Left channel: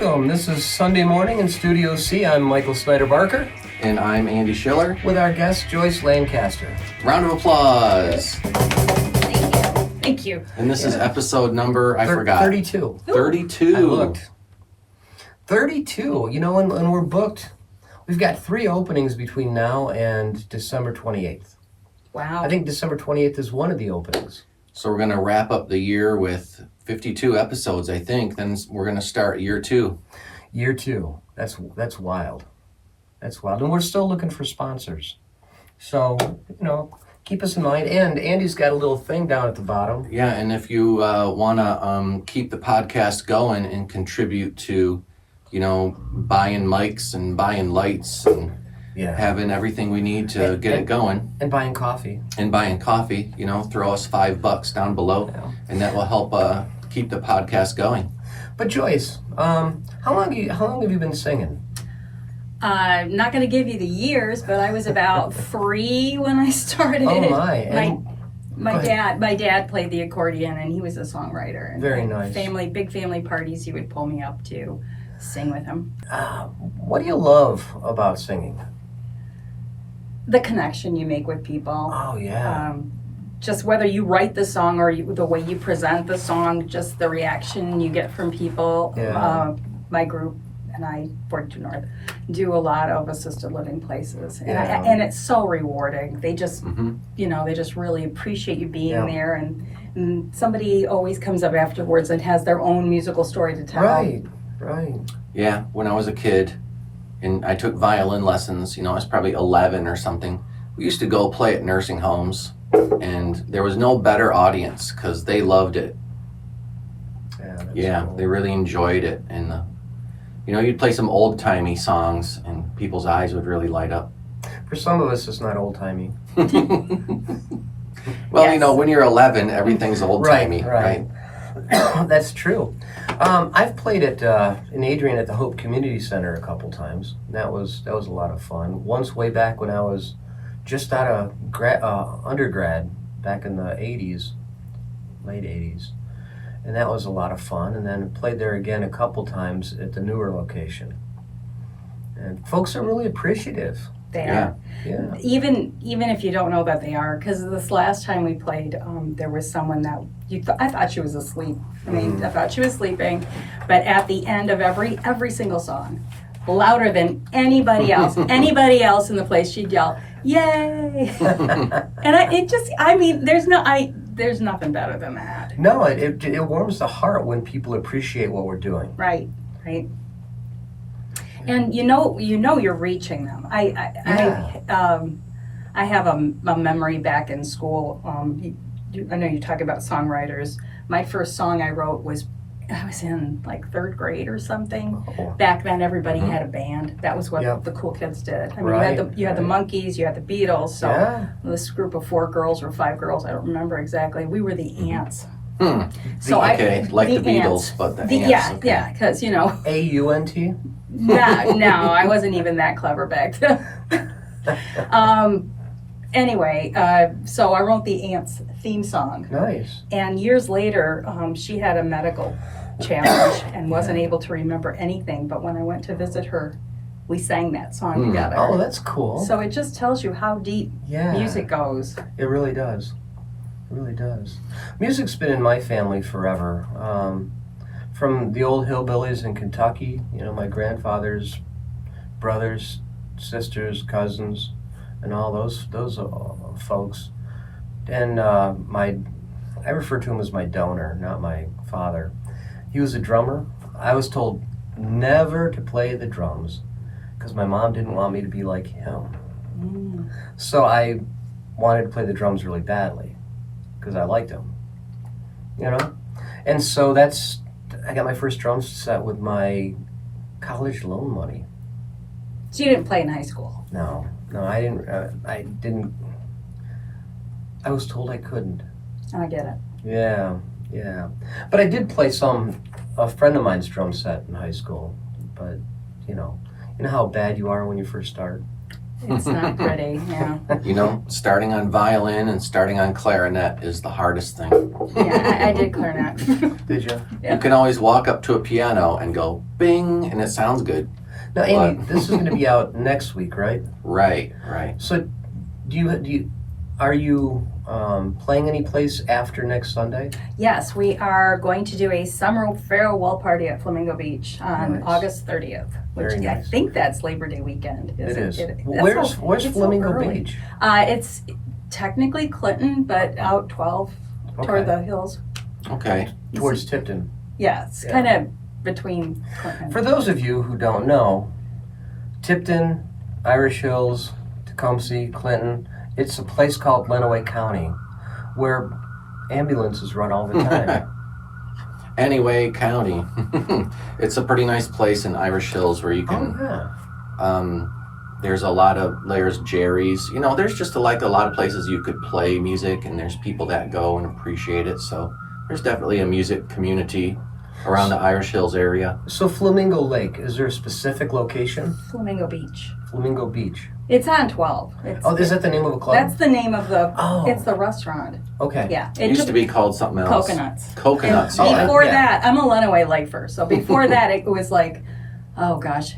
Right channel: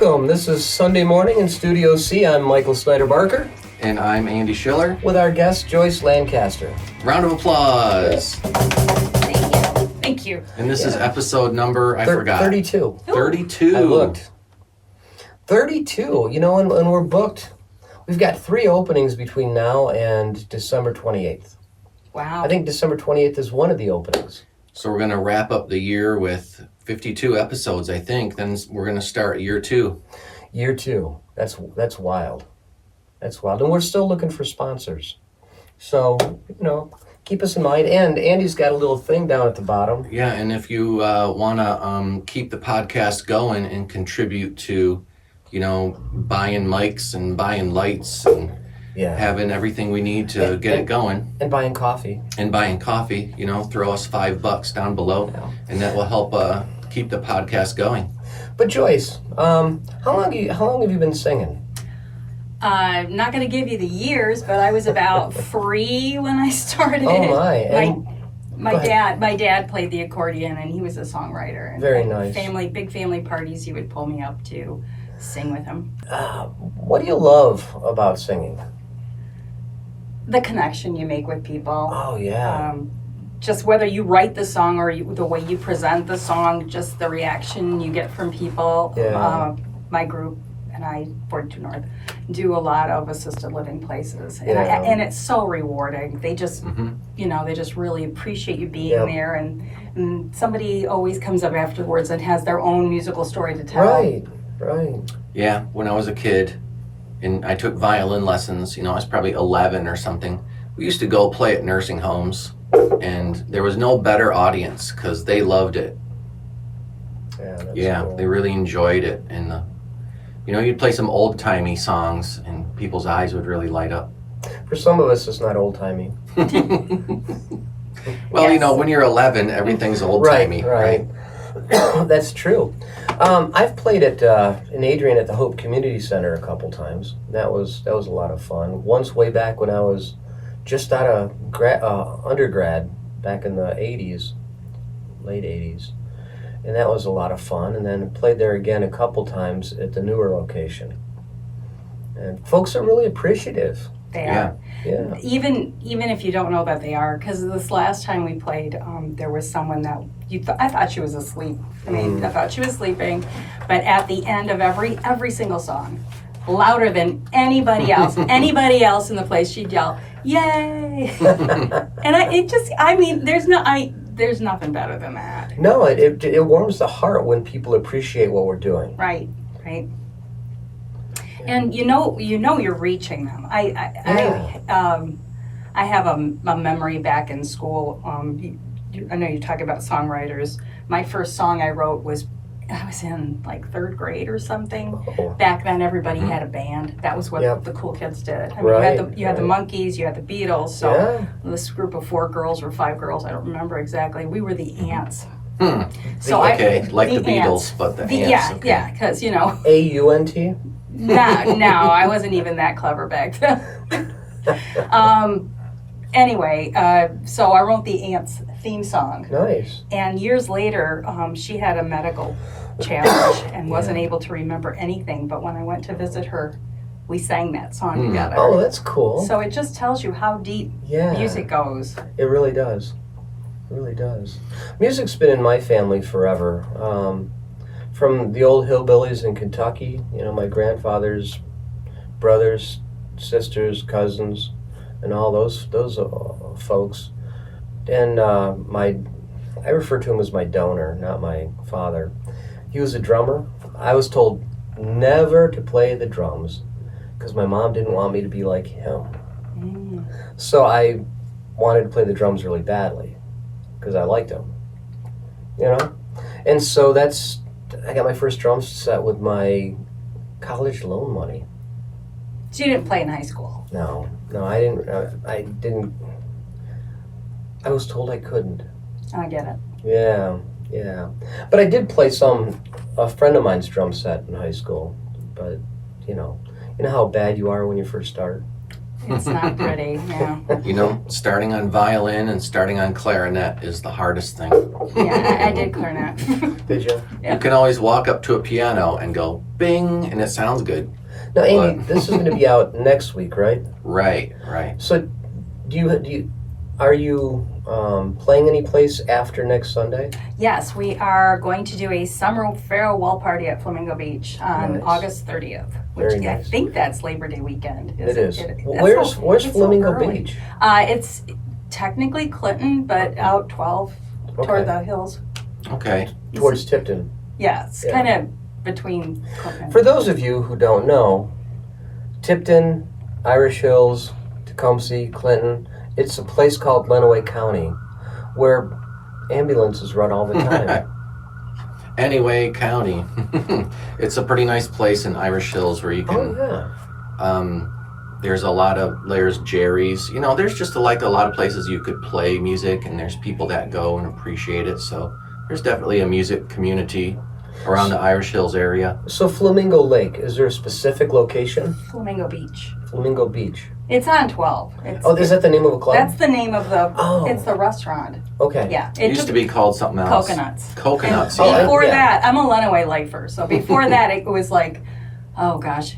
Welcome. This is Sunday morning in Studio C. I'm Michael Snyder-Barker. And I'm Andy Schiller. With our guest, Joyce Lancaster. Round of applause. Thank you. And this is episode number, I forgot. 32. 32. I looked. 32. You know, when we're booked, we've got 3 openings between now and December 28th. Wow. I think December 28th is one of the openings. So we're going to wrap up the year with 52 episodes, I think. Then we're going to start year 2. Year 2. That's wild. That's wild. And we're still looking for sponsors. So, keep us in mind. And Andy's got a little thing down at the bottom. Yeah, and if you want to keep the podcast going and contribute to, buying mics and buying lights and having everything we need to get it going. And buying coffee. Throw us $5 down below, and that will help keep the podcast going. But Joyce, how long have you been singing? I'm not going to give you the years, but I was about 3 when I started. Oh my! My dad played the accordion, and he was a songwriter. And very nice. Big family parties, he would pull me up to sing with him. What do you love about singing? The connection you make with people. Oh yeah. Just whether you write the song or the way you present the song, just the reaction you get from people. Yeah. My group and I, 42 North, do a lot of assisted living places, and it's so rewarding. They just, they just really appreciate you being there, and somebody always comes up afterwards and has their own musical story to tell. Right. Yeah, when I was a kid, and I took violin lessons, I was probably 11 or something. We used to go play at nursing homes, and there was no better audience because they loved it. Yeah, cool. They really enjoyed it, and you'd play some old-timey songs, and people's eyes would really light up. For some of us, it's not old-timey. Well, yes. When you're 11, everything's old-timey, right? That's true. I've played in Adrian at the Hope Community Center a couple times. That was a lot of fun. Once way back when I was just out of undergrad, back in the 80s, late 80s. And that was a lot of fun. And then played there again a couple times at the newer location. And folks are really appreciative. They are. Yeah. Even if you don't know that they are, because this last time we played, there was someone that I thought she was asleep. I thought she was sleeping, but at the end of every single song, louder than anybody else in the place, she'd yell, "Yay!" And there's nothing better than that. No, it warms the heart when people appreciate what we're doing. Right. And you're reaching them. I have a memory back in school. I know you talk about songwriters. My first song I wrote I was in like 3rd grade or something. Oh. Back then, everybody had a band. That was what the cool kids did. You had the Monkees, you had the Beatles. So this group of 4 girls or 5 girls, I don't remember exactly. We were the Ants. So the Beatles, Ants. but the Ants. Yeah, because AUNT. No, I wasn't even that clever back then. Anyway, so I wrote the Ants theme song. Nice. And years later, she had a medical challenge and wasn't able to remember anything. But when I went to visit her, we sang that song together. Oh, that's cool. So it just tells you how deep music goes. It really does. It really does. Music's been in my family forever. From the old hillbillies in Kentucky, my grandfather's brothers, sisters, cousins, and all those folks. And I refer to him as my donor, not my father. He was a drummer. I was told never to play the drums because my mom didn't want me to be like him. So I wanted to play the drums really badly because I liked him, And so I got my first drum set with my college loan money. So you didn't play in high school? No, I didn't. I was told I couldn't. I get it. Yeah. But I did play a friend of mine's drum set in high school. But, you know how bad you are when you first start? It's not pretty, yeah. You know, starting on violin and starting on clarinet is the hardest thing. Yeah, I did clarinet. Did you? Yeah. You can always walk up to a piano and go bing, and it sounds good. Now, Amy, But- this is going to be out next week, right? Right. So, are you playing any place after next Sunday? Yes, we are going to do a summer farewell party at Flamingo Beach on Nice. August 30th, which Very I nice. think that's Labor Day weekend. It is. That's Where's it's so Flamingo early. Beach? It's technically Clinton, but out 12 toward the hills. Okay. Towards Tipton. Yeah, it's Yeah. kind of between Clinton. For those of you who don't know, Tipton, Irish Hills, Tecumseh, Clinton, it's a place called Lenawee County where ambulances run all the time. Anyway, County. It's a pretty nice place in Irish Hills where you Oh, can. yeah. There's a lot of Jerry's. You know, there's just a lot of places you could play music, and there's people that go and appreciate it. So there's definitely a music community around the Irish Hills area. So Flamingo Lake, is there a specific location? Flamingo Beach. Flamingo Beach. It's on 12. Oh, is that the name of a club? That's the name of the, Oh. it's the restaurant. Okay. Yeah. It used to be called something else. Coconuts. Coconuts, And yeah. before Yeah. that, I'm a Lenawee lifer, so before that it was like, oh gosh,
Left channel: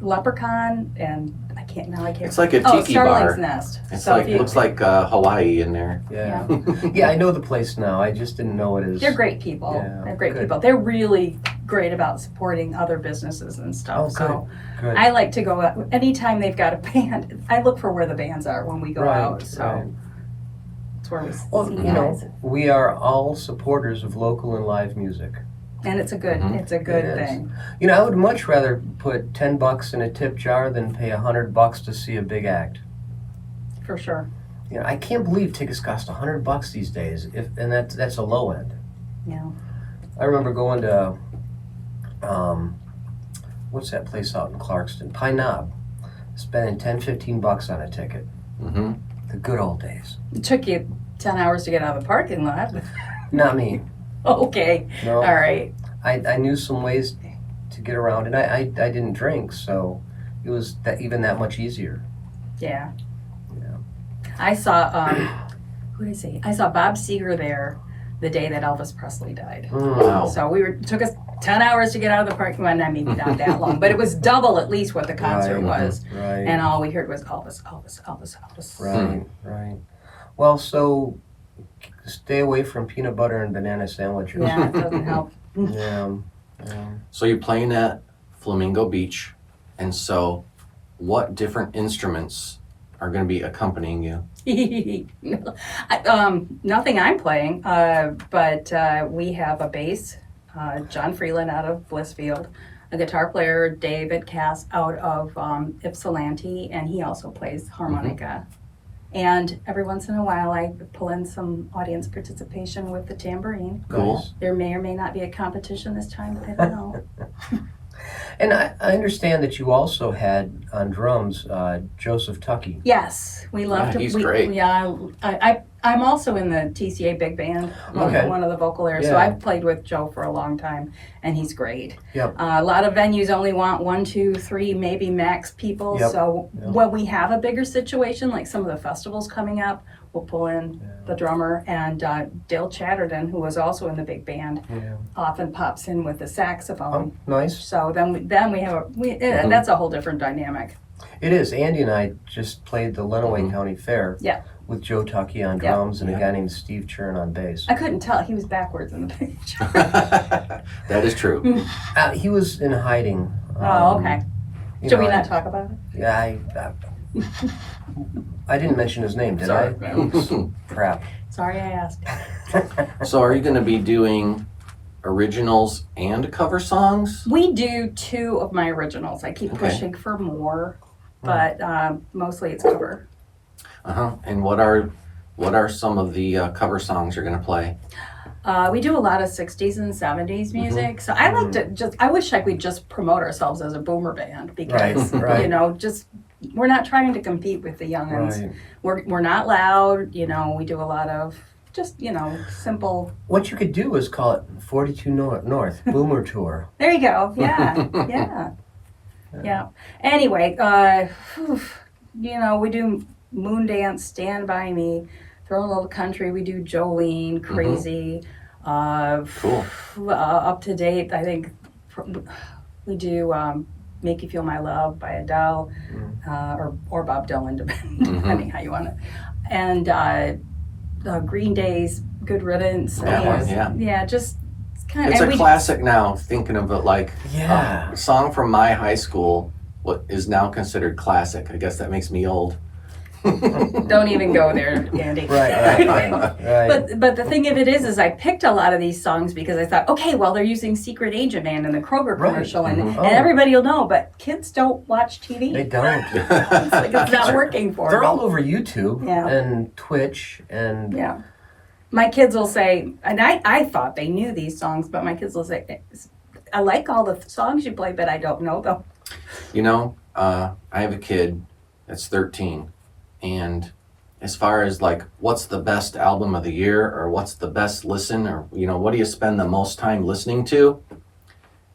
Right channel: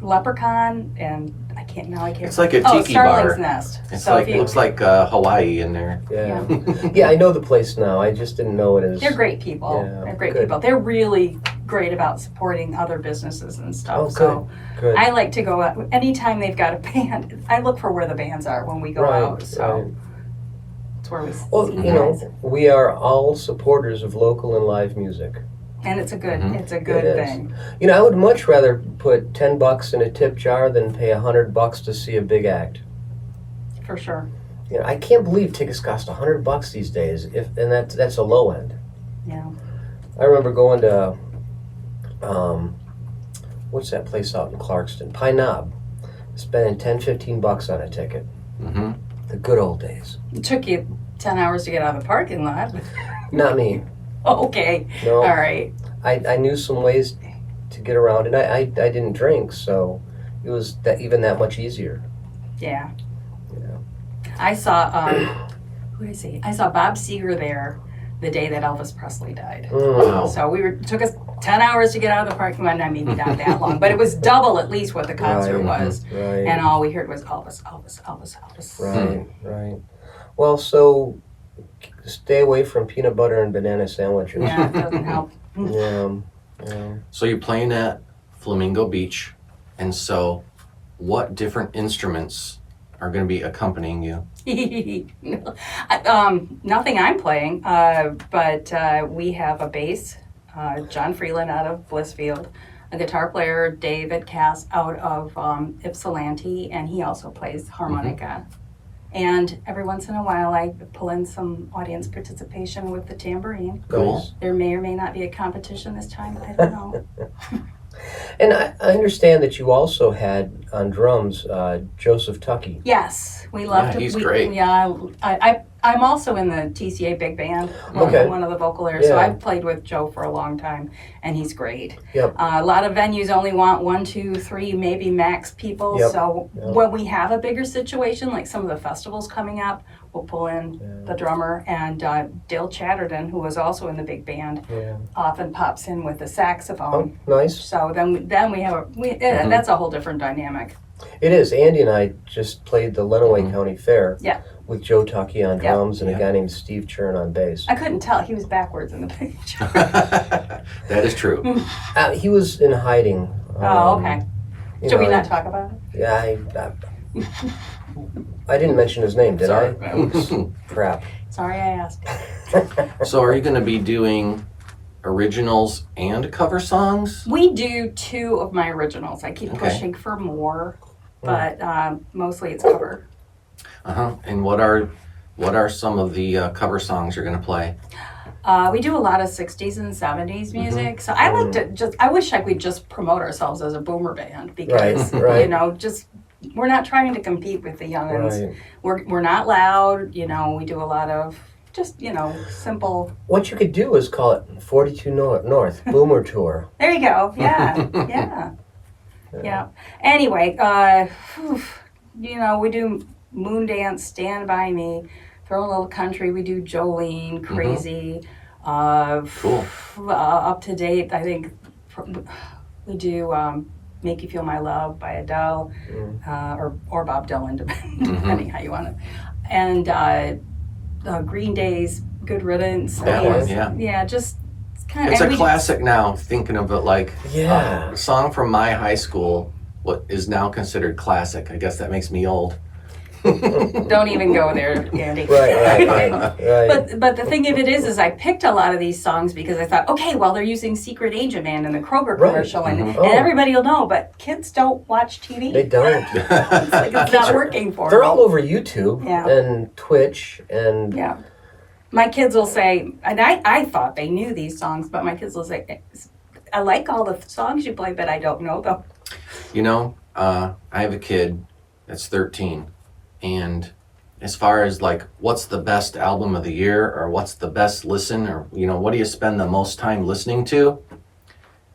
Leprechaun and I can't. It's like a Oh, tiki Starling's bar. Nest. It's So like if you, looks like Hawaii in there. Yeah. Yeah, I know the place now. I just didn't know it as. they're great people. Yeah, They're great good. people. They're really great about supporting other businesses and stuff. Oh, So Good. I like to go out anytime they've got a band. I look for where the bands are when we go Right, out. So it's where we Well, see you you know, guys. we are all supporters of local and live music. And it's a good Mhm. it's a good It is. thing. You know, I would much rather put $10 in a tip jar than pay $100 to see a big act. For sure. You know, I can't believe tickets cost $100 these days. And that's a low end. Yeah. I remember going to, what's that place out in Clarkston? Pine Knob. Spending $10-15 on a ticket. Hmm. The good old days. It took you 10 hours to get out of the parking lot. Not me. Okay. No. All right. I knew some ways to get around, and I didn't drink, so it was even that much easier. Yeah. Yeah. I saw who did I see? I saw Bob Seger there the day that Elvis Presley died. Wow. So it took us 10 hours to get out of the parking lot, maybe not that long, but it was double at least what the concert Right. was. Right. And all we heard was Elvis, Elvis, Elvis, Elvis. Right, right. Well, so stay away from peanut butter and banana sandwiches. Yeah, it doesn't help. Yeah, yeah. So you're playing at Flamingo Beach, and so what different instruments are going to be accompanying you? Nothing I'm playing, but we have a bass, John Freeland out of Blissfield, a guitar player, David Cass out of Ypsilanti, and he also plays harmonica. And every once in a while, I pull in some audience participation with the tambourine. Cool. Nice. There may or may not be a competition this time. I don't know. And I understand that you also had on drums Joseph Tuckey. Yes, we love Yeah, to. he's great. Yeah, I'm also in the TCA big band, Okay. one of the vocal areas. So Yeah. I've played with Joe for a long time, and he's great. Yep. A lot of venues only want 1, 2, 3, maybe max people. Yep. So Yep. when we have a bigger situation, like some of the festivals coming up, we'll pull in the drummer, and Dale Chatterton, who was also in the big band, Yeah. often pops in with the saxophone. Oh, nice. So then we have that's a whole different dynamic. It is. Andy and I just played the Lenawee County Fair. Yeah. With Joe Tuckey on Yeah. drums and Yeah. a guy named Steve Churn on bass. I couldn't tell. He was backwards in the picture. That is true. He was in hiding. Oh, okay. You Should we know, not talk about it? Yeah, I didn't mention his name, did Sorry. I? Oops. Crap. Sorry I asked. So are you going to be doing originals and cover songs? We do 2 of my originals. I keep Okay. pushing for more, but mostly it's cover. Uh-huh. And what are some of the cover songs you're going to play? We do a lot of 60s and 70s music. So I like to I wish I could just promote ourselves as a boomer band because, Right. you know, we're not trying to compete with the youngins. Right. We're not loud, you know, we do a lot of just, you know, simple. What you could do is call it 42 North Boomer Tour. There you go. Yeah. Yeah. Yeah. Anyway, we do Moon Dance, Stand By Me, Throw a Little Country. We do Jolene, Crazy. Cool. Up to date, I think we do Make You Feel My Love by Adele, or Bob Dylan, depending how you want it. And Green Day's Good Riddance. That one, yeah. Yeah, just kind of. It's a classic now, thinking of it like Yeah. a song from my high school, what is now considered classic. I guess that makes me old. Don't even go there, Andy. Right. But the thing of it is I picked a lot of these songs because I thought, okay, well, they're using Secret Agent Man in the Kroger commercial, and everybody will know, but kids don't watch TV. They don't. It's like it's not working for They're them. all over YouTube Yeah. and Twitch and Yeah. My kids will say, and I thought they knew these songs, but my kids will say, I like all the songs you play, but I don't know them. You know, I have a kid that's 13, and as far as like what's the best album of the year or what's the best listen or what do you spend the most time listening to,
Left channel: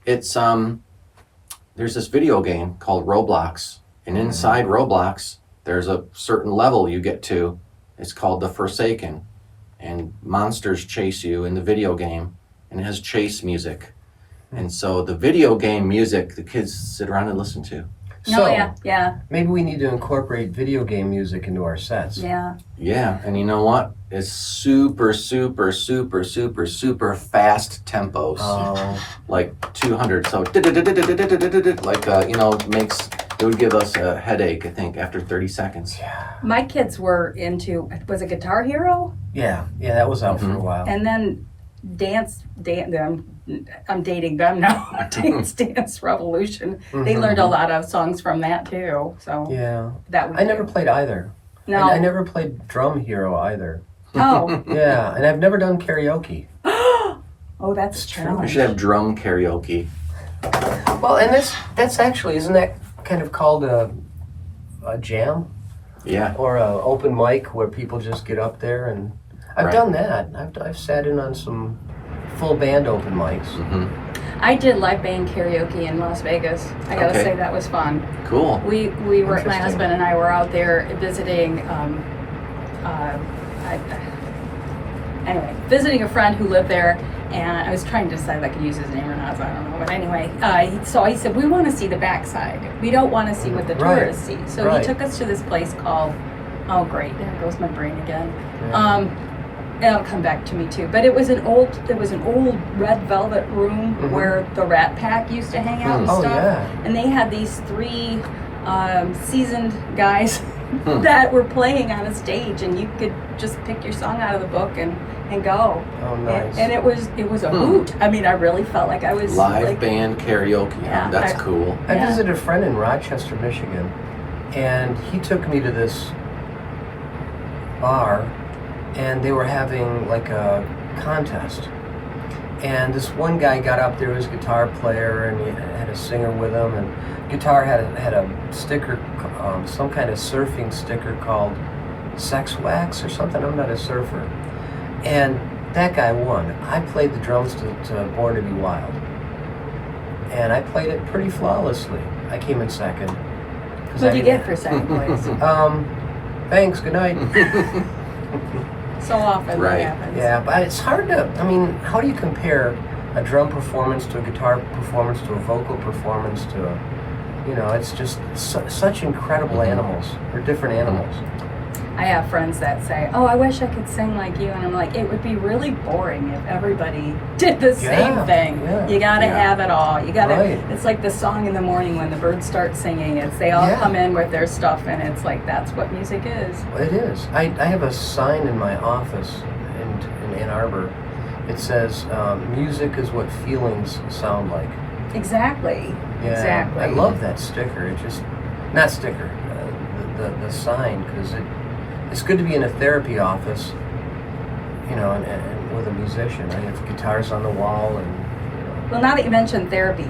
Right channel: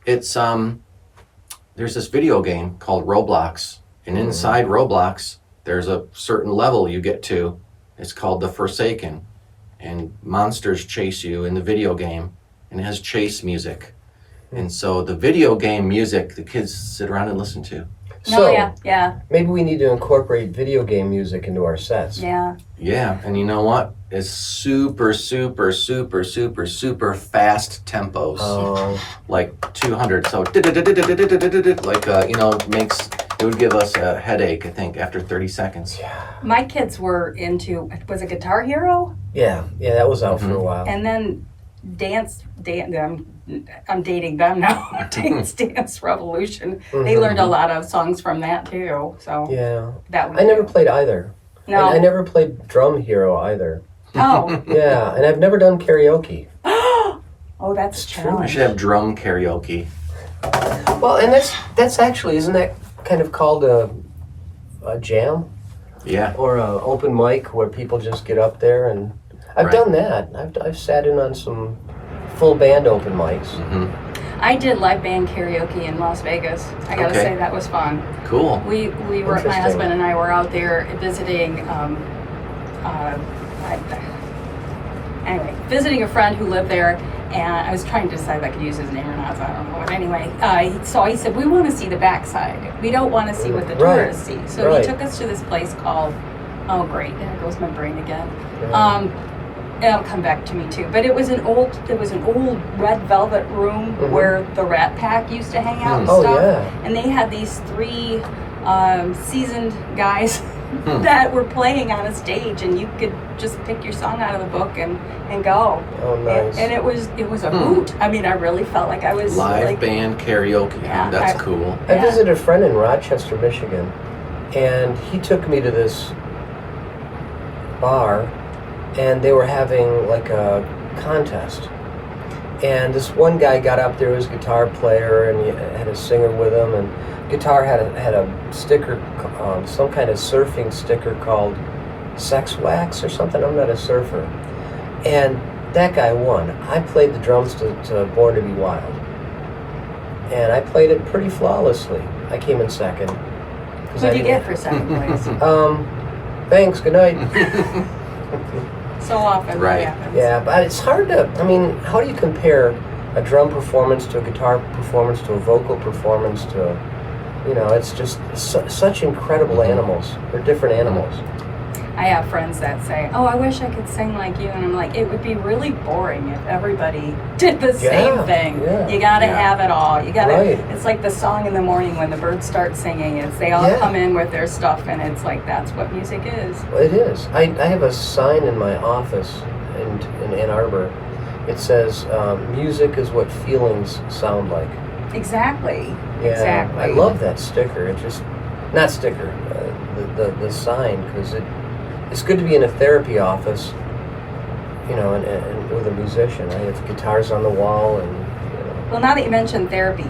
it's there's this video game called Roblox, and inside Roblox there's a certain level you get to. It's called The Forsaken, and monsters chase you in the video game, and it has chase music. And so the video game music the kids sit around and listen to. so Yeah. maybe we need to incorporate video game music into our sets. Yeah. Yeah, and you know what? It's super, super, super, super, super fast tempos. Oh, Like 200. So, like, it would give us a headache, I think, after 30 seconds. My kids were into, was it Guitar Hero? yeah, that was out for a while. And then I'm dating them now. Dance Revolution. They learned a lot of songs from that too. So Yeah, that would I never played either. No. I never played Drum Hero either. Oh. Yeah, and I've never done karaoke. Oh, that's a We challenge. should have drum karaoke. Well, and that's actually, isn't that kind of called a jam Yeah. or a open mic where people just get up there and I've Right. done that. I've sat in on some full band open mics. I did live band karaoke in Las Vegas. I gotta Okay. say that was fun. Cool. We were, my Interesting. husband and I were out there visiting, visiting a friend who lived there, and I was trying to decide if I could use his name or not, so I don't know. But anyway, so he said, we want to see the backside. We don't want to see what the Right. tourists see. So Right. he took us to this place called, oh great, there goes my brain again. It'll come back to me too. But it was an old red velvet room where the Rat Pack used to hang out and Oh, stuff. yeah. And they had these three seasoned guys that were playing on a stage, and you could just pick your song out of the book and go. Oh, nice. And it was a hoot. I mean, I really felt like I was Live like, band karaoke. Yeah, That's cool. I Yeah. visited a friend in Rochester, Michigan, and he took me to this bar, and they were having like a contest. And this one guy got up there, he was a guitar player, and he had a singer with him, and guitar had a sticker, some kind of surfing sticker called Sex Wax or something. I'm not a surfer. And that guy won. I played the drums to Born to Be Wild. And I played it pretty flawlessly. I came in second. what'd you get for second place? Thanks, good night. So often Right. that happens. Yeah, but it's hard to, how do you compare a drum performance to a guitar performance to a vocal performance to, it's just such incredible animals. They're different animals. I have friends that say, "Oh, I wish I could sing like you," and I'm like, it would be really boring if everybody did the same thing. yeah. You gotta have it all. You gotta. Right. It's like the song in the morning when the birds start singing. It's they all come in with their stuff, and it's like that's what music is. It is. I have a sign in my office in Ann Arbor. It says, music is what feelings sound like. Exactly. Yeah, Exactly. I love that sticker. It just, not sticker, the sign, because it's good to be in a therapy office, and with a musician. I have guitars on the wall and. Well, now that you mentioned therapy,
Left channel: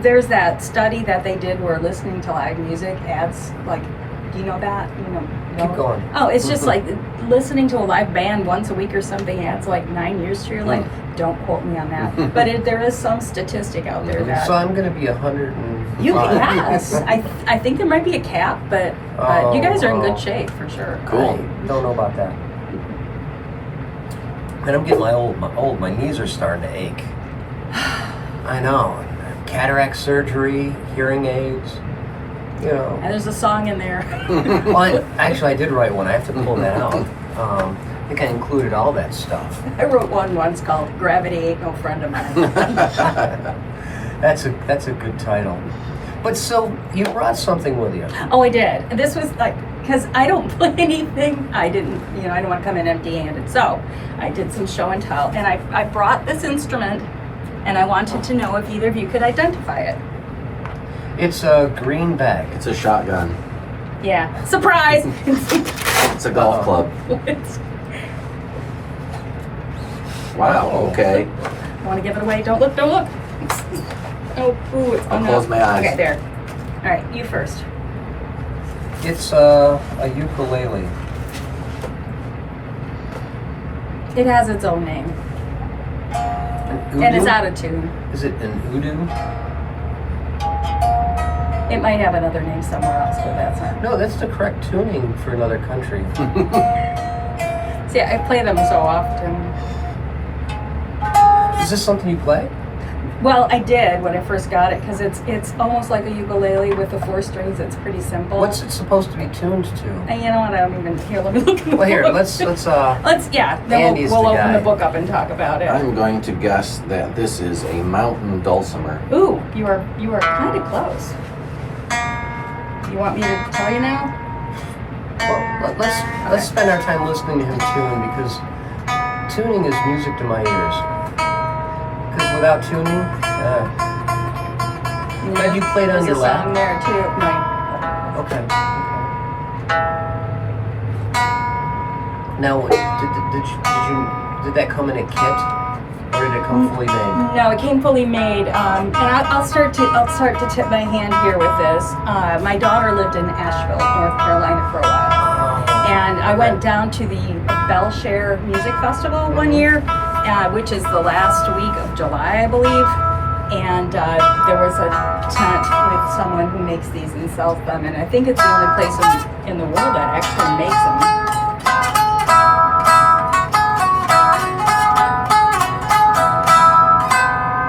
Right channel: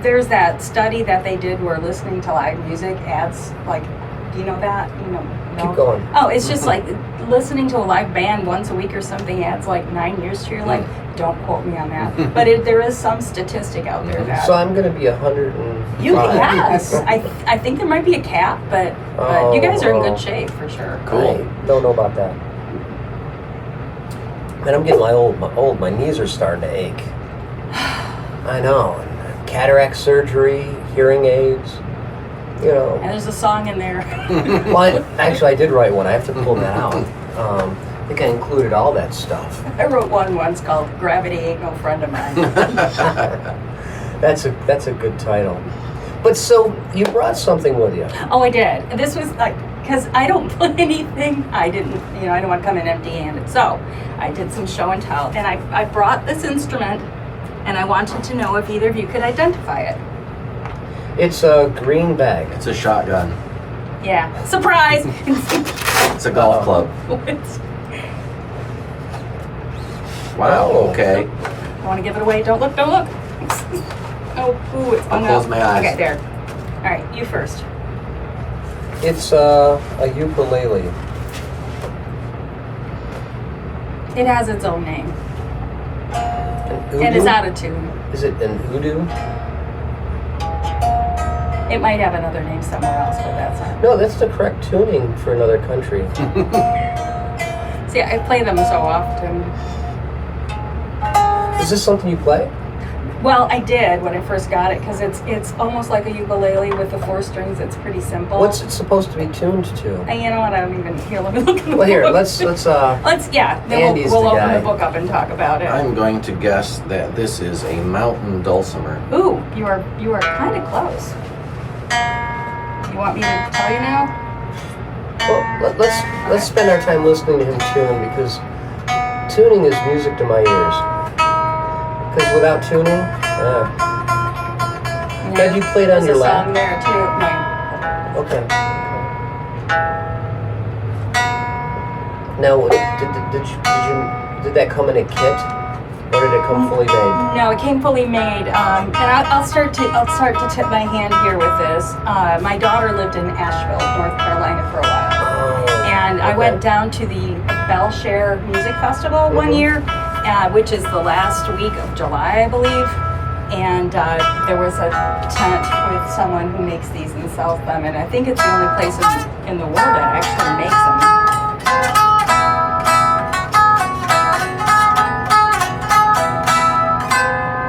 there's that study that they did where listening to live music adds, like, do you know that? No? Keep going. Oh, it's just like listening to a live band once a week or something adds like 9 years to your life. Don't quote me on that. But there is some statistic out there that. So I'm going to be 100 and Yes. I think there might be a cap, but you guys are in good shape for sure. Cool. I don't know about that. And I'm getting old. My knees are starting to ache. I know. Cataract surgery, hearing aids, you know. And there's a song in there. Well, I did write one. I have to pull that out. I think I included all that stuff. I wrote one once called "Gravity Ain't No Friend of Mine." That's a good title. But so you brought something with you. Oh, I did. And this was like, because I don't play anything. I didn't want to come in empty-handed. So I did some show and tell, and I brought this instrument, and I wanted to know if either of you could identify it. It's a green bag. It's a shotgun. Yeah. Surprise! It's a golf club. Wow, okay. I want to give it away. Don't look. Oh, ooh, it's I'll close my eyes. Okay, there. All right, you first. It's a ukulele. It has its own name. And it's out of tune. Is it an hoodoo? It might have another name somewhere else, but that's not. No, that's the correct tuning for another country. See, I play them so often. Is this something you play? Well, I did when I first got it because it's almost like a ukulele with the 4 strings. It's pretty simple. What's it supposed to be tuned to? And you know what? I don't even here. Let me look in the Well, here, book. let's Yeah. Then Andy's we'll the open guy. the book up and talk about it. I'm going to guess that this is a mountain dulcimer. Ooh, you are kind of close. You want me to tell you now? Well, let's spend our time listening to him tune because tuning is music to my ears. Because without tuning, Glad you played on your There's a lap. song there too. No. Okay. Now, did that come in a kit, or did it come fully made? No, it came fully made. And I'll start to tip my hand here with this. My daughter lived in Asheville, North Carolina, for a while, and I went down to the Belshare Music Festival one year, which is the last week of July, I believe. And there was a tent with someone who makes these and sells them, and I think it's the only place in the world that actually makes them.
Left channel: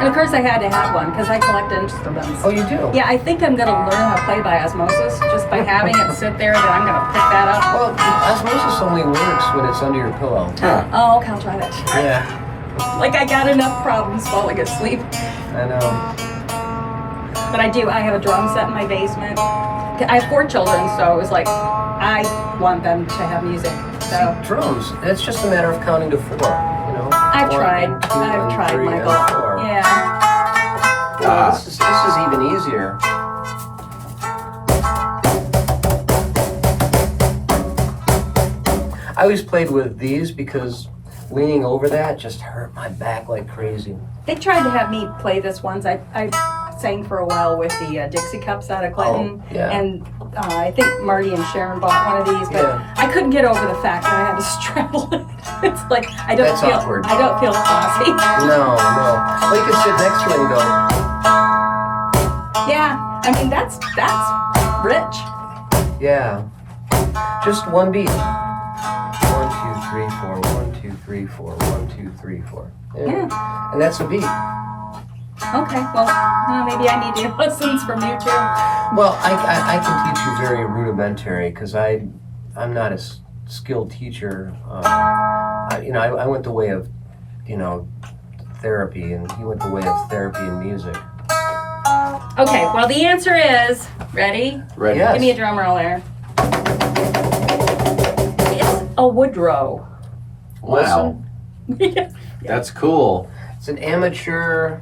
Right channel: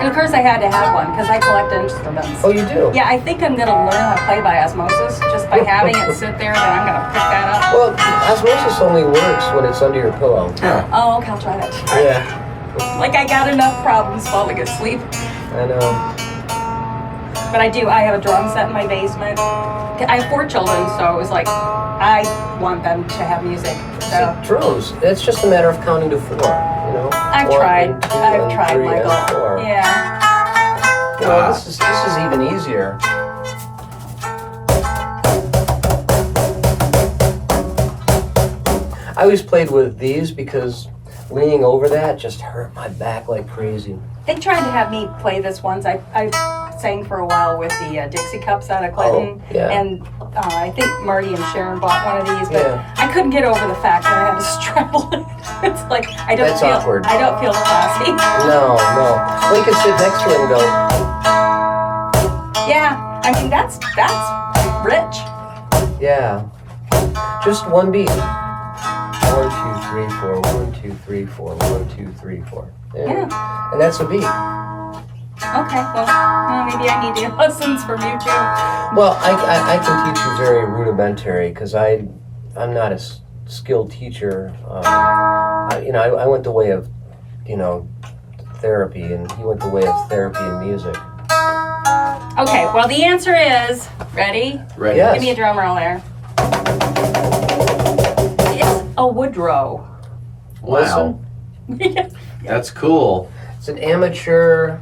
And of course I had to have one because I collect instruments. Oh, you do? Yeah, I think I'm going to learn how to play by osmosis just by having it sit there, then I'm going to pick that up. Well, osmosis only works when it's under your pillow. Oh, okay, I'll try that. Yeah. Like I got enough problems falling asleep. I know. But I have a drum set in my basement. I have 4 children, so it was like, I want them to have music. So See, drums, it's just a matter of counting to 4, you know? I've tried, three, Michael. and 4. Yeah. Well, this is even easier. I always played with these because leaning over that just hurt my back like crazy. They tried to have me play this once. I sang for a while with the Dixie Cups out of Clinton. Oh, yeah. And I think Marty and Sharon bought one of these, but Yeah. I couldn't get over the fact that I had to straddle it. It's like I don't That's feel awkward. I don't feel classy. No. Well, you can sit next to it and go, Yeah. I mean that's rich. yeah. Just one beat. 1, 2, 3, 4. 1, 2, 3, 4. 1, 2, 3, 4. Yeah. And that's a beat. Okay. Well, maybe I need to get lessons from you too. Well, I can teach you very rudimentary because I'm not a skilled teacher. I went the way of, therapy, and he went the way of therapy and music. Okay. Well, the answer is ready. Ready. Yes. Give me a drum roll there. It's a Woodrow. Wow. That's cool. It's an amateur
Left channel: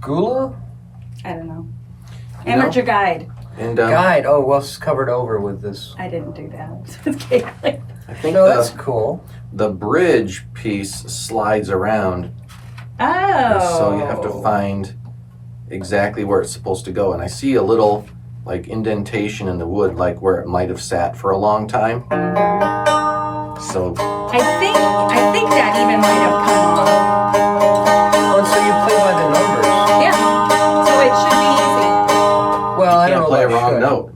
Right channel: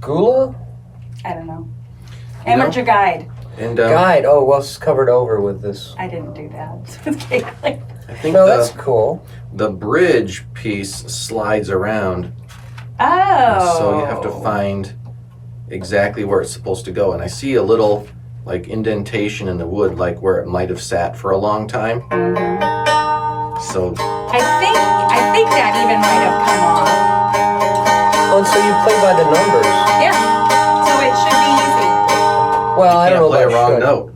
gula I don't know. You know? Amateur guide. And guide. Oh, well, it's covered over with this. I didn't do that. Okay, like, I think Oh, that's cool. the bridge piece slides around, oh. so you have to find exactly where it's supposed to go. And I see a little like indentation in the wood, like where it might have sat for a long time. So I think that even might have come off. Oh, so you play by the numbers. Yeah. play a wrong note.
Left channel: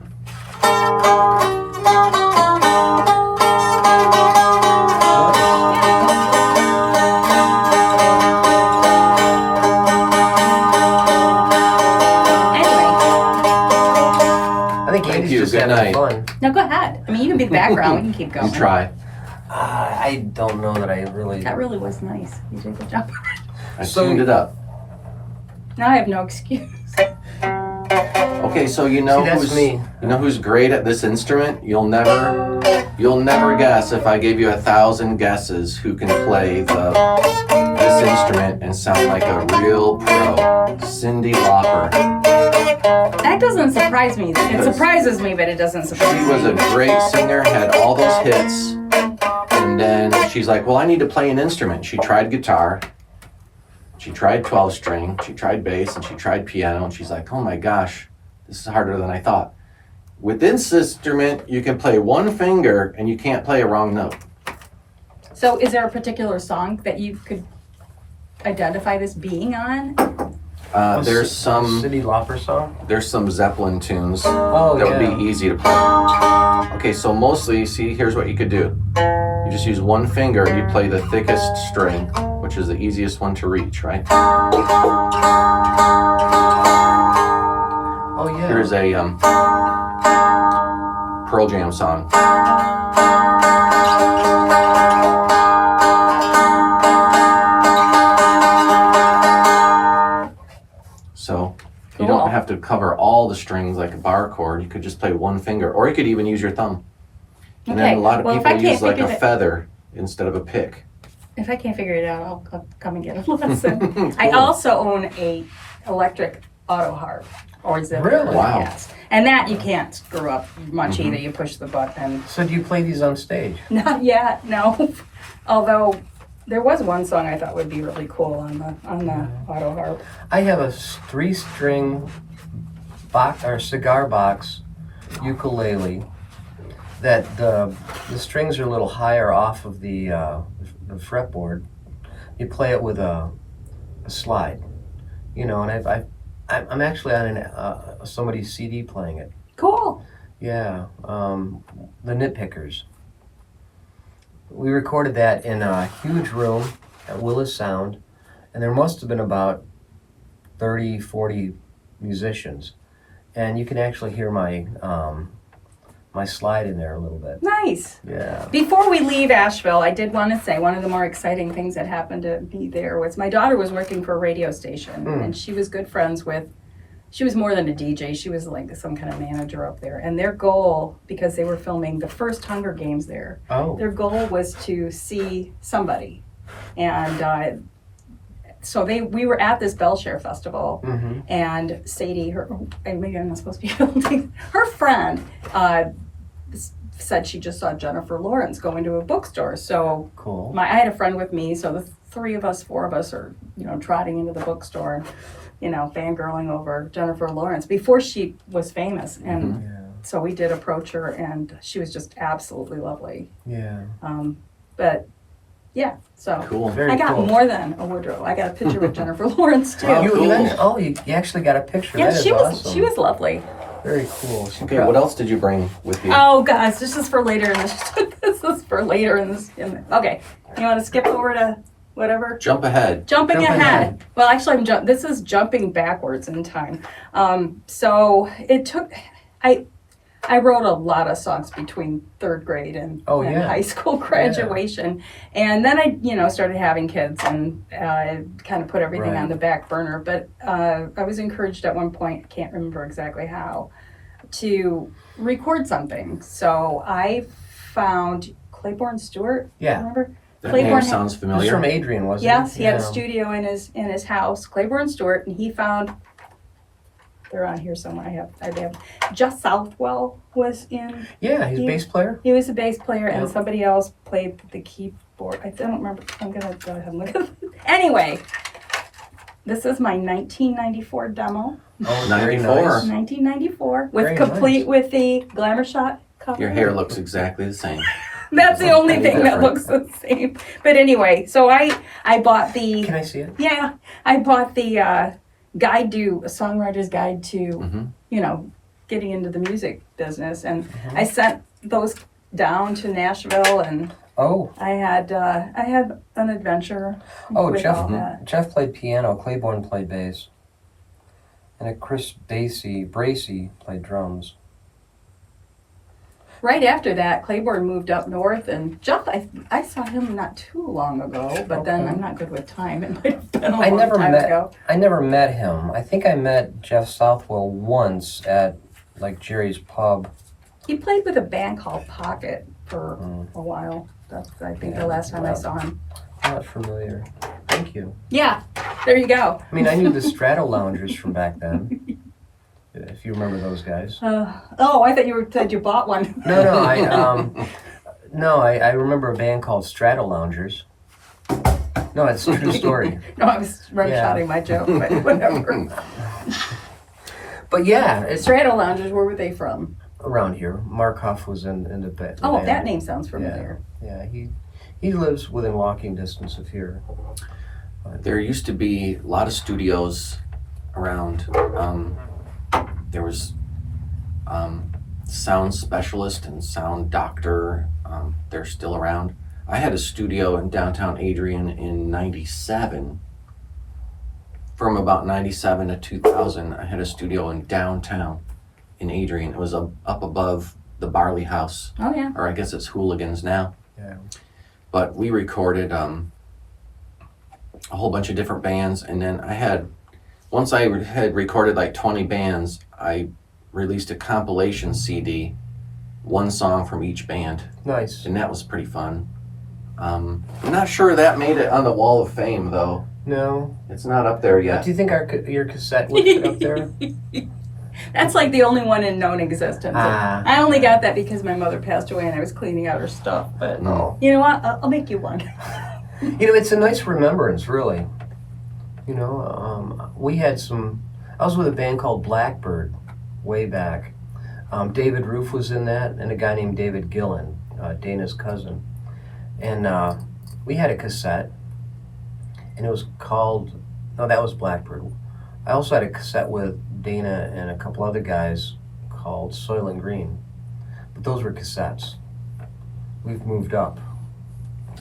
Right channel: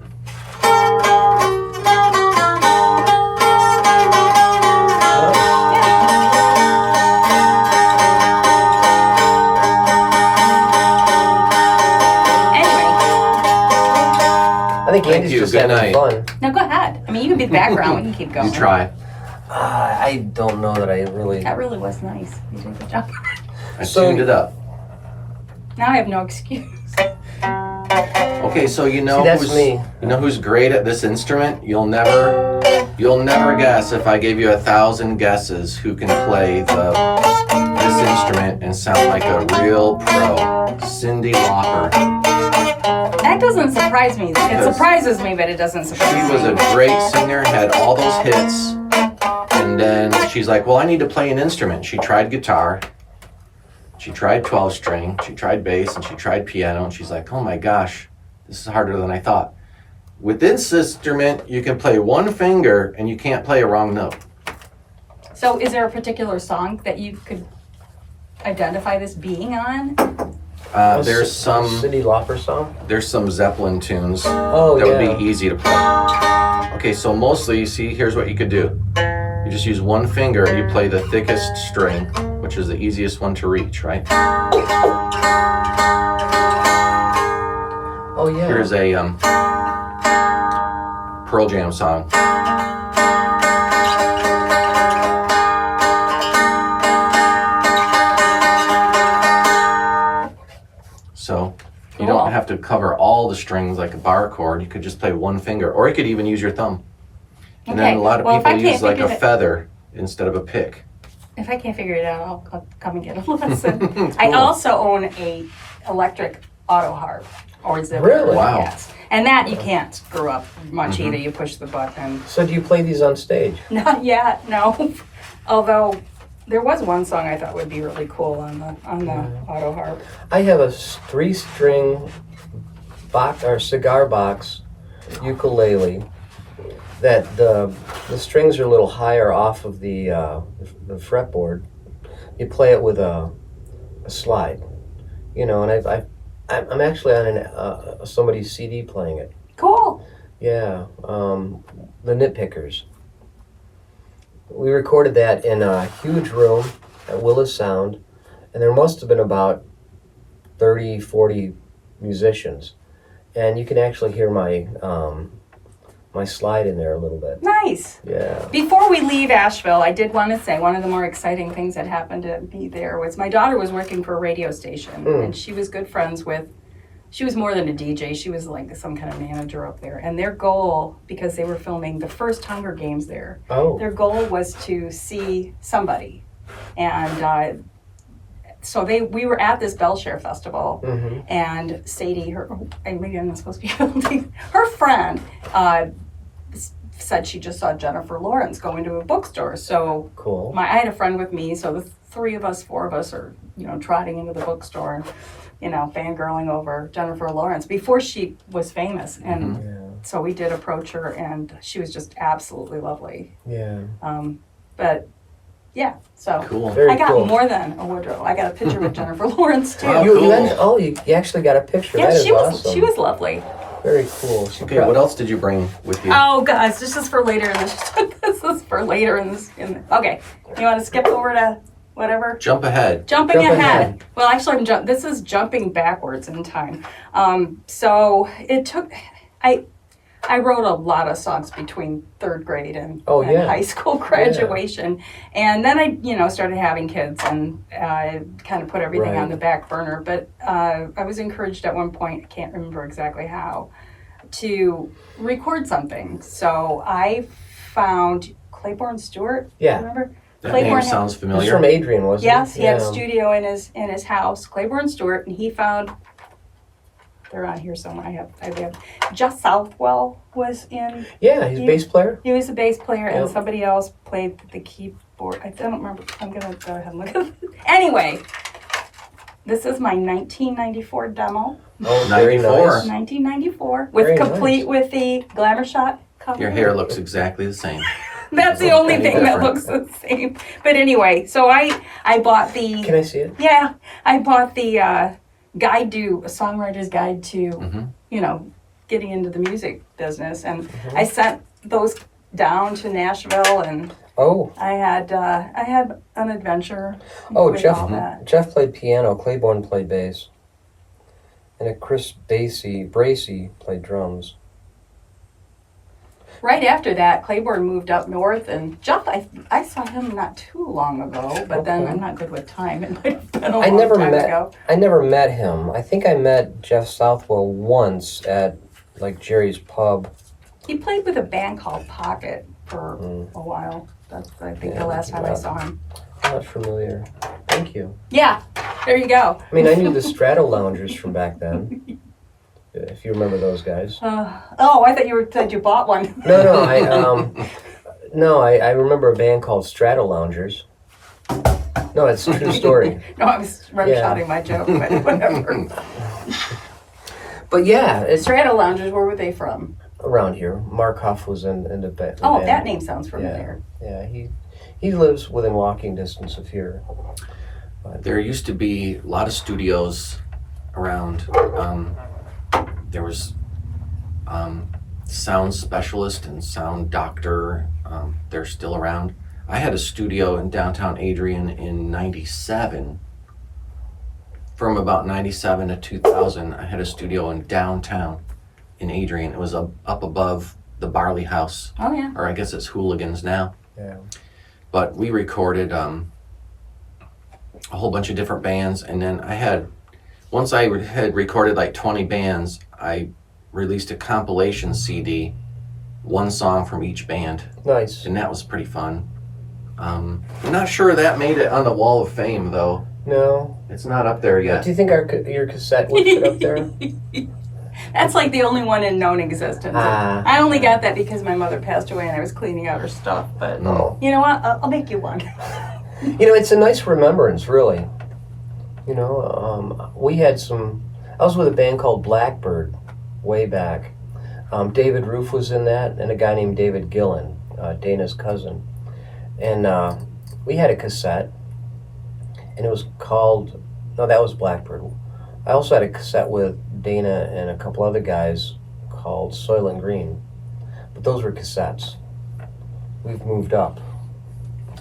Thank you. Good night. Fun. No, go ahead. I mean, you can be the background. We can keep going. You try. I don't know that I really. That really was nice. You did a good job. I tuned it up. Now I have no excuse. Okay, so you know who's great at this instrument? You'll never guess if I gave you 1,000 guesses who can play this instrument and sound like a real pro. Cyndi Lauper. That doesn't surprise me. It surprises me, but it doesn't surprise me. She was a great singer, had all those hits, and then she's like, well, I need to play an instrument. She tried guitar, she tried 12-string, she tried bass, and she tried piano, and she's like, oh my gosh, this is harder than I thought. With this instrument, you can play one finger, and you can't play a wrong note. So is there a particular song that you could identify this being on? There's some Cyndi Lauper song. There's some Zeppelin tunes that would be easy to play. Okay, so mostly, see, here's what you could do. You just use one finger and you play the thickest string, which is the easiest one to reach, right? Oh yeah. Here's a Pearl Jam song. So you don't have to cover all the strings like a bar chord. You could just play one finger, or you could even use your thumb. And then a lot of people use like a feather instead of a pick. If I can't figure it out, I'll come and get a lesson. Cool. I also own a electric auto harp, or zither. Really? Wow. Yes. And that you can't screw up much either. You push the button. So do you play these on stage? Not yet, no. Although there was one song I thought would be really cool on the auto harp. I have a 3-string cigar box ukulele that the strings are a little higher off of the fretboard. You play it with a slide, and I'm actually on somebody's CD playing it. Cool. Yeah, the Nitpickers. We recorded that in a huge room at Willis Sound, and there must have been about 30, 40 musicians. And you can actually hear my my slide in there a little bit. Nice. Yeah. Before we leave Asheville, I did want to say one of the more exciting things that happened to be there was my daughter was working for a radio station, and she was good friends with, she was more than a DJ, she was like some kind of manager up there. And their goal, because they were filming the first Hunger Games there, their goal was to see somebody. And so we were at this Belshare Festival, and Sadie, maybe I'm not supposed to be holding, her friend said she just saw Jennifer Lawrence going to a bookstore. So cool. I had a friend with me, so the 4 of us are, trotting into the bookstore, fangirling over Jennifer Lawrence before she was famous. And so we did approach her, and she was just absolutely lovely. Yeah. But yeah, so cool. I got more than a wardrobe. I got a picture with Jennifer Lawrence too. You actually got a picture. Yeah, that she was lovely. Very cool. Okay, what else did you bring with you? Oh, guys, this is for later in this. This is for later in this. Okay, you want to skip over to whatever? Jump ahead. Jumping ahead. Well, actually, this is jumping backwards in time. So it took. I wrote a lot of songs between 3rd grade and high school graduation. And then I, started having kids and kind of put everything on the back burner. But I was encouraged at one point, I can't remember exactly how, to record something. So I found Claiborne Stewart. Yeah. Remember? That Claiborne name sounds familiar. He's from Adrian, wasn't he? Yes, he had a studio in his house, Claiborne Stewart, and he found. They're on here somewhere. I have Just Southwell was in. Yeah, he's a bass player. He was a bass player, and somebody else played the keyboard. I don't remember. I'm gonna go ahead and look at it. Anyway, this is my 1994 demo. Oh, 94. 1994, with complete with the Glamour Shot cover. Your hair looks exactly the same. That's the only thing that looks the same. But anyway, so I bought the. Can I see it? Yeah, I bought the. A songwriter's guide to, getting into the music business, and I sent those down to Nashville, and I had an adventure with all that. Jeff played piano, Claiborne played bass, and Chris Bracey played drums. Right after that, Claiborne moved up north, and Jeff, I saw him not too long ago, but then I'm not good with time. It might have been a long time ago. I never met him. I think I met Jeff Southwell once at like Jerry's Pub. He played with a band called Pocket for a while. That's, I think, the last time I saw him. I'm not familiar. Thank you. Yeah, there you go. I mean, I knew the Strato Loungers from back then. If you remember those guys. I thought you said you bought one. No, I remember a band called Strato Loungers. No, it's a true story. No, I was rim-shotting my joke, but whatever. But yeah, Strato Loungers, where were they from? Around here. Mark Huff was in the band. Oh, that name sounds familiar. Yeah, he lives within walking distance of here. There used to be a lot of studios around. There was sound specialist and sound doctor. They're still around. I had a studio in downtown Adrian in 97. From about 97 to 2000, I had a studio in downtown in Adrian. It was up above the Barley House. Oh, yeah. Or I guess it's Hooligans now. Yeah. But we recorded a whole bunch of different bands, and then once I had recorded like 20 bands, I released a compilation CD, one song from each band. Nice. And that was pretty fun. I'm not sure that made it on the Wall of Fame, though. No. It's not up there yet. Do you think your cassette was put up there? That's like the only one in known existence. I only got that because my mother passed away and I was cleaning out her stuff. But you know what? I'll make you one. It's a nice remembrance, really. We had I was with a band called Blackbird way back. David Roof was in that, and a guy named David Gillen, Dana's cousin. And we had a cassette, and it was called, no, that was Blackbird. I also had a cassette with Dana and a couple other guys called Soil and Green. But those were cassettes. We've moved up.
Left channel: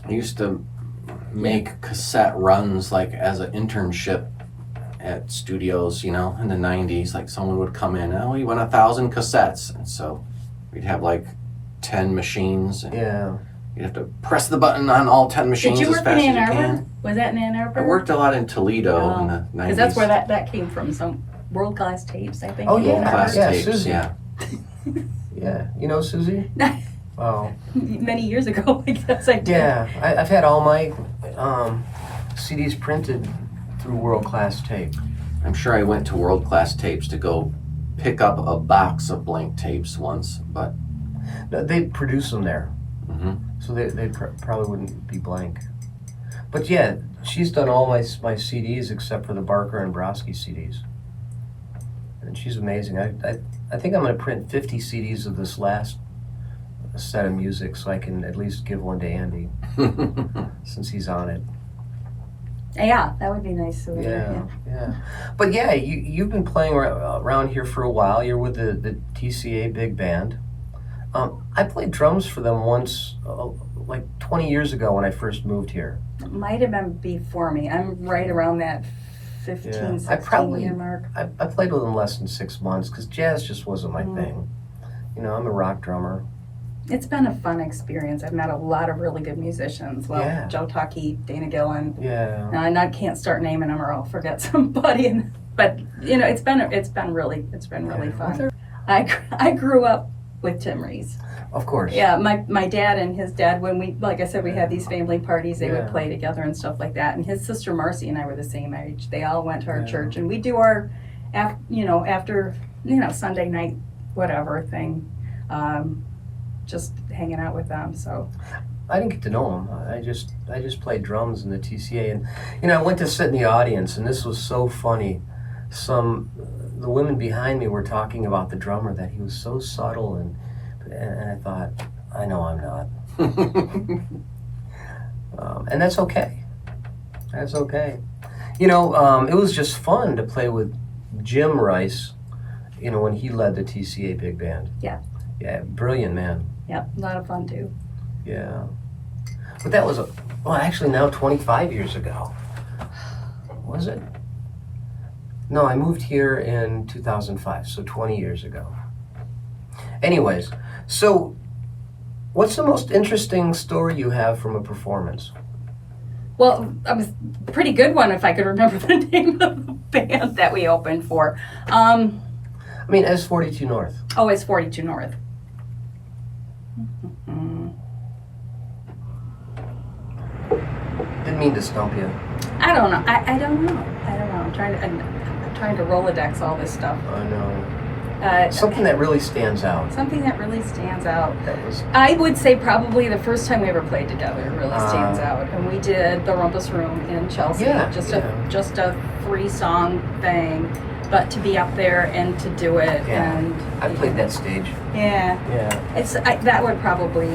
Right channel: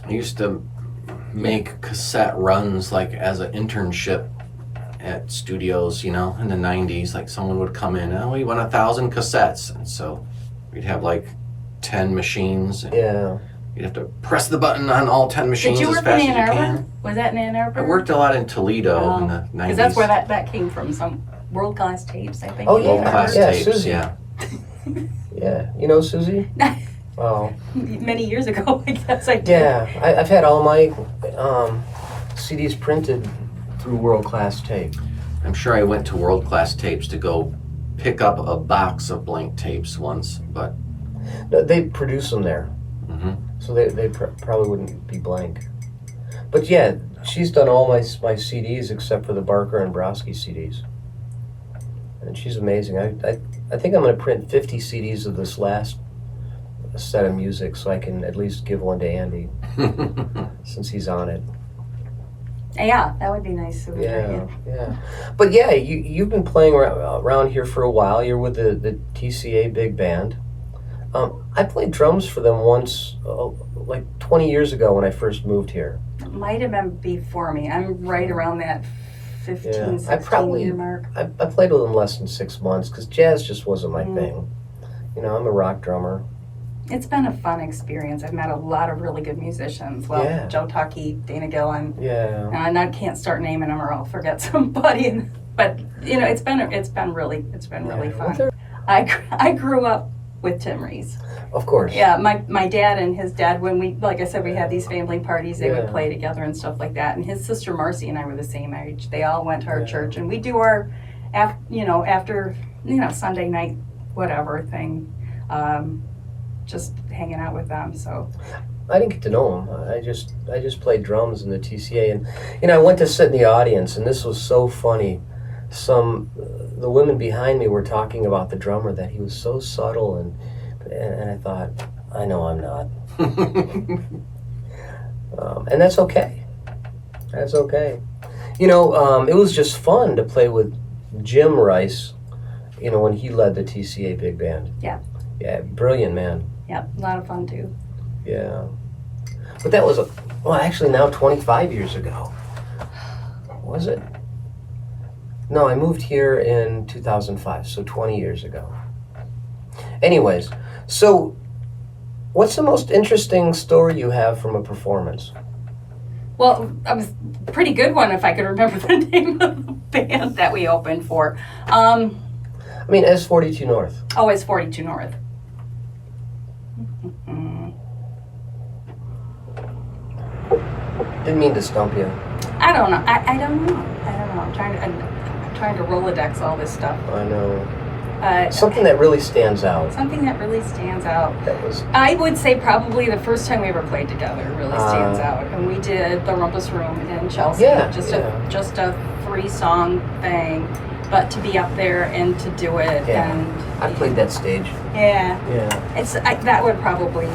I used to make cassette runs like as an internship at studios, in the 90s. Like someone would come in, we want 1,000 cassettes. And so we'd have like 10 machines. And you'd have to press the button on all 10 machines as fast as you can. Did you work in Ann Arbor? Was that in Ann Arbor? I worked a lot in Toledo in the 90s. Because that's where that came from, some world-class tapes, I think. Oh, yeah. World-class tapes, Susie. yeah. Yeah. You know Susie? Oh. Many years ago, I guess I did. Yeah. I've had all my CDs printed through World Class Tape. I'm sure I went to World Class Tapes to go pick up a box of blank tapes once, but... No, they produce them there. Mm-hmm. So they probably wouldn't be blank. But yeah, she's done all my CDs except for the Barker and Brodsky CDs. And she's amazing. I think I'm going to print 50 CDs of this last set of music so I can at least give one to Andy since he's on it. Yeah, that would be nice. Yeah. But yeah, you've been playing around here for a while. You're with the TCA Big Band. I played drums for them once, like 20 years ago when I first moved here. It might have been before me. I'm right around that 15, 16 year mark. I played with them less than 6 months because jazz just wasn't my thing. I'm a rock drummer. It's been a fun experience. I've met a lot of really good musicians. Well, Joe Tuckey, Dana Gillen. Yeah. And I can't start naming them or I'll forget somebody. But it's been really fun. I grew up with Tim Rees. Of course. Yeah, my dad and his dad, when we, like I said, we had these family parties, they would play together and stuff like that. And his sister Marcy and I were the same age. They all went to our church, and we do our, after Sunday night whatever thing, just hanging out with them. So I didn't get to know him. I just played drums in the TCA, and I went to sit in the audience, and this was so funny. The women behind me were talking about the drummer, that he was so subtle, and I thought, I know I'm not. And that's okay. That's okay. It was just fun to play with Jim Rice when he led the TCA big band. Yeah. Yeah, brilliant man. Yep, a lot of fun too. Yeah. But that was actually now 25 years ago. Was it? No, I moved here in 2005, so 20 years ago. Anyways, so what's the most interesting story you have from a performance? Well, it was a pretty good one if I could remember the name of the band that we opened for. I mean, S42 North. Oh, it's 42 North. Didn't mean to stump you. I don't know. I don't know. I'm trying to Rolodex all this stuff. I know. Something that really stands out. Something that really stands out. That was. I would say probably the first time we ever played together really stands out, and we did the Rumpus Room in Chelsea. Yeah, just a 3-song thing, but to be up there and to do it, and I played that stage. Yeah. Yeah. That would probably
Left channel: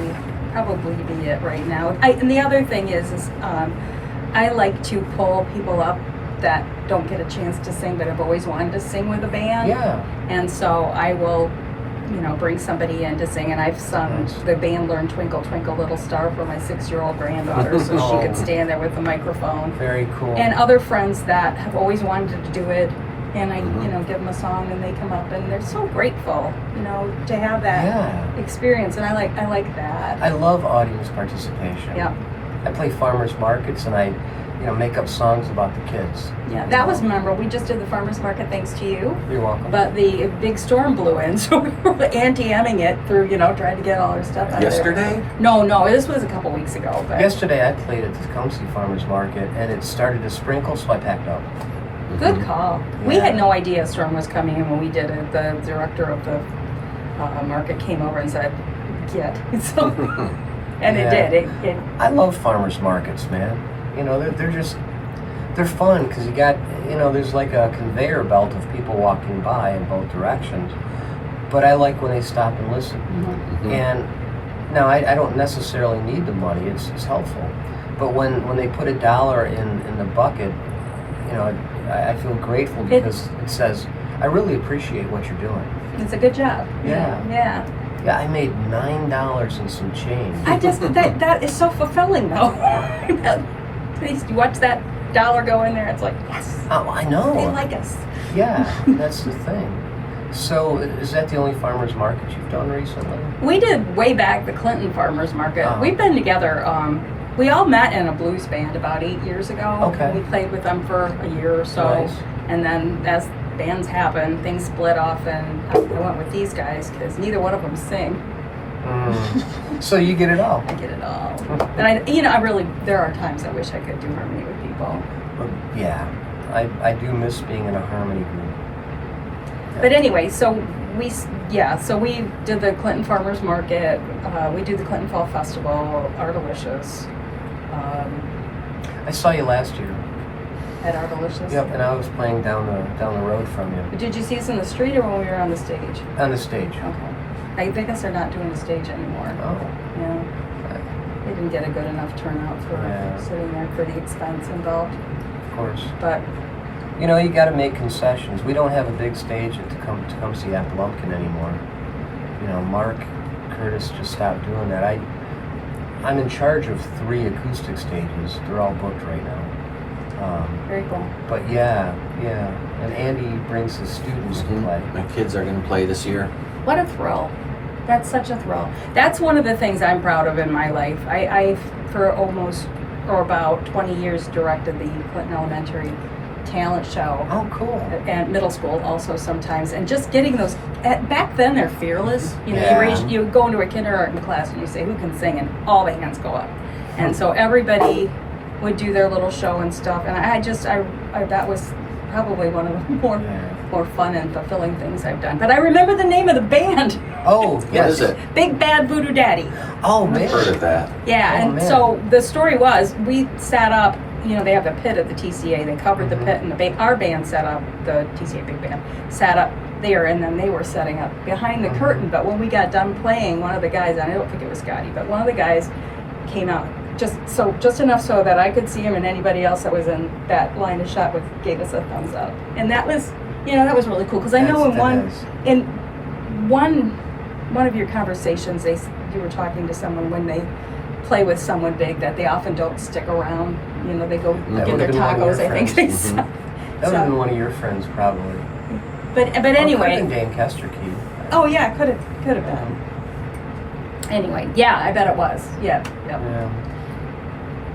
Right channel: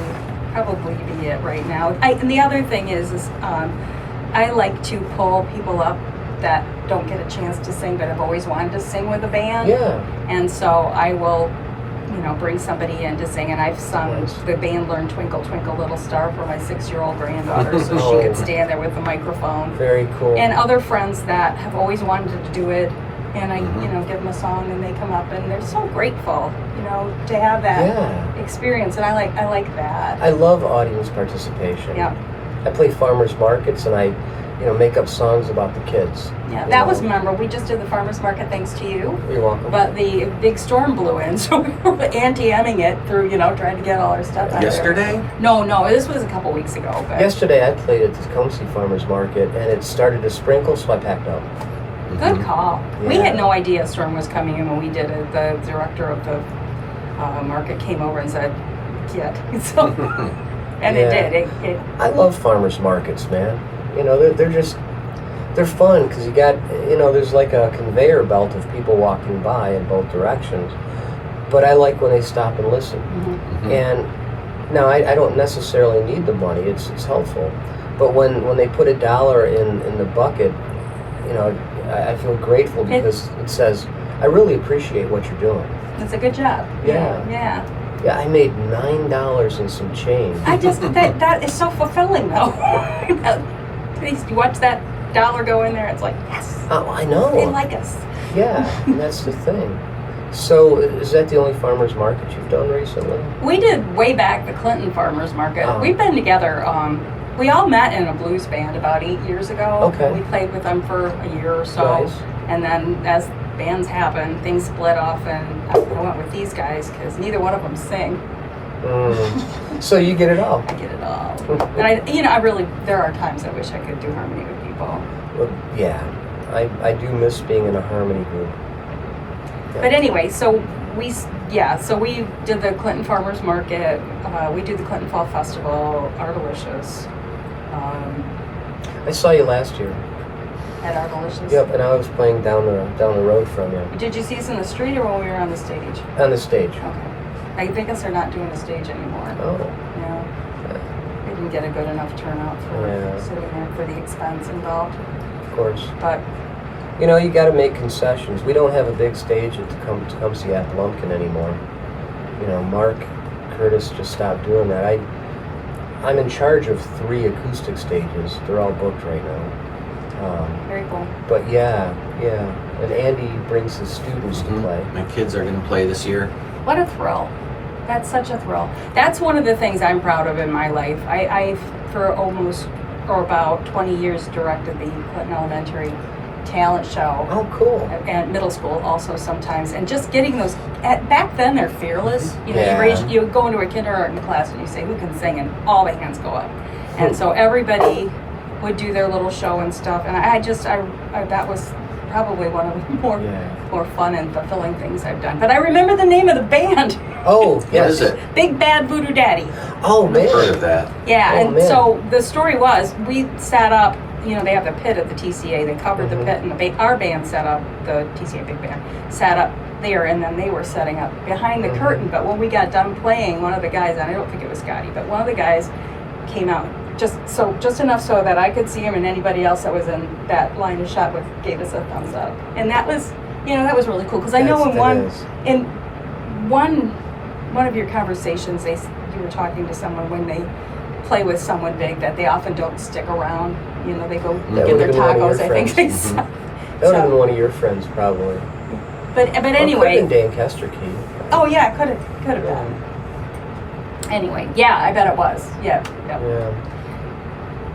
be it right now. And the other thing is I like to pull people up that don't get a chance to sing but have always wanted to sing with a band. Yeah. And so I will, bring somebody in to sing. And I've sung, the band learned Twinkle Twinkle Little Star for my 6-year-old granddaughter so she could stand there with the microphone. Very cool. And other friends that have always wanted to do it. And I, give them a song and they come up and they're so grateful, to have that experience. And I like that. I love audience participation. Yeah. I play farmers markets and I, make up songs about the kids. Yeah, that was memorable. We just did the farmers market thanks to you. You're welcome. But the big storm blew in, so we were anti-emming it through, trying to get all our stuff out Yesterday? there. No, this was a couple weeks ago. But Yesterday I played at the Tecumseh Farmers Market and it started to sprinkle, so I packed up. Good call. Yeah. We had no idea a storm was coming in when we did it. The director of the market came over and said, "Get." So, and it did. I love farmers markets, man. They're fun because you got, there's like a conveyor belt of people walking by in both directions. But I like when they stop and listen. Mm-hmm. And now I don't necessarily need the money. It's helpful. But when they put $1 in the bucket, I feel grateful because it says, I really appreciate what you're doing. It's a good job. Yeah. Yeah, I made $9 and some change. That is so fulfilling though. You watch that dollar go in there, it's like, yes. Oh, I know. They like us. Yeah, that's the thing. So, is that the only farmers market you've done recently? We did way back the Clinton Farmers Market. We've been together. We all met in a blues band about 8 years ago. Okay. We played with them for a year or so. Nice. And then as bands happen, things split off and I went with these guys because neither one of them sing. So you get it all. I get it all. And I really, there are times I wish I could do harmony with people. Yeah, I do miss being in a harmony group. Yeah. But anyway, so we did the Clinton Farmers Market. We do the Clinton Fall Festival, Ardelicious. I saw you last year. At Ardelicious. Yep, and I was playing down the road from you. Did you see us in the street or when we were on the stage? On the stage. Okay. I guess they're not doing the stage anymore. Oh. Yeah. They didn't get a good enough turnout for sitting there for the expense involved. Of course. But you got to make concessions. We don't have a big stage at Tecumseh at Lumpkin anymore. Mark Curtis just stopped doing that. I'm in charge of 3 acoustic stages. They're all booked right now. very cool. But yeah. And Andy brings his students to play. My kids are going to play this year. What a thrill. That's such a thrill. That's one of the things I'm proud of in my life. I've for about 20 years directed the Clinton Elementary talent show. Oh, cool. And middle school also sometimes. And just getting those, back then they're fearless. Yeah. You go into a kindergarten class and you say, who can sing? And all the hands go up. And so everybody would do their little show and stuff. And I that was probably one of the more fun and fulfilling things I've done. But I remember the name of the band. Oh, yes. What is it? Big Bad Voodoo Daddy. Oh, man. Heard of that. Yeah, man. So the story was, we sat up, they have the pit at the TCA, they covered the pit, and our band set up, the TCA Big Band, sat up there, and then they were setting up behind the curtain. But when we got done playing, one of the guys, and I don't think it was Scotty, but one of the guys came out just enough so that I could see him, and anybody else that was in that line of shot gave us a thumbs up. And that was, You know, that was really cool because I know in one of your conversations, you were talking to someone when they play with someone big that they often don't stick around. You know, they go get their tacos. I think they said. That would have been one of your friends, probably. But anyway. Could have been Lancaster Key. Oh yeah, could have been. Anyway, yeah, I bet it was. Yeah.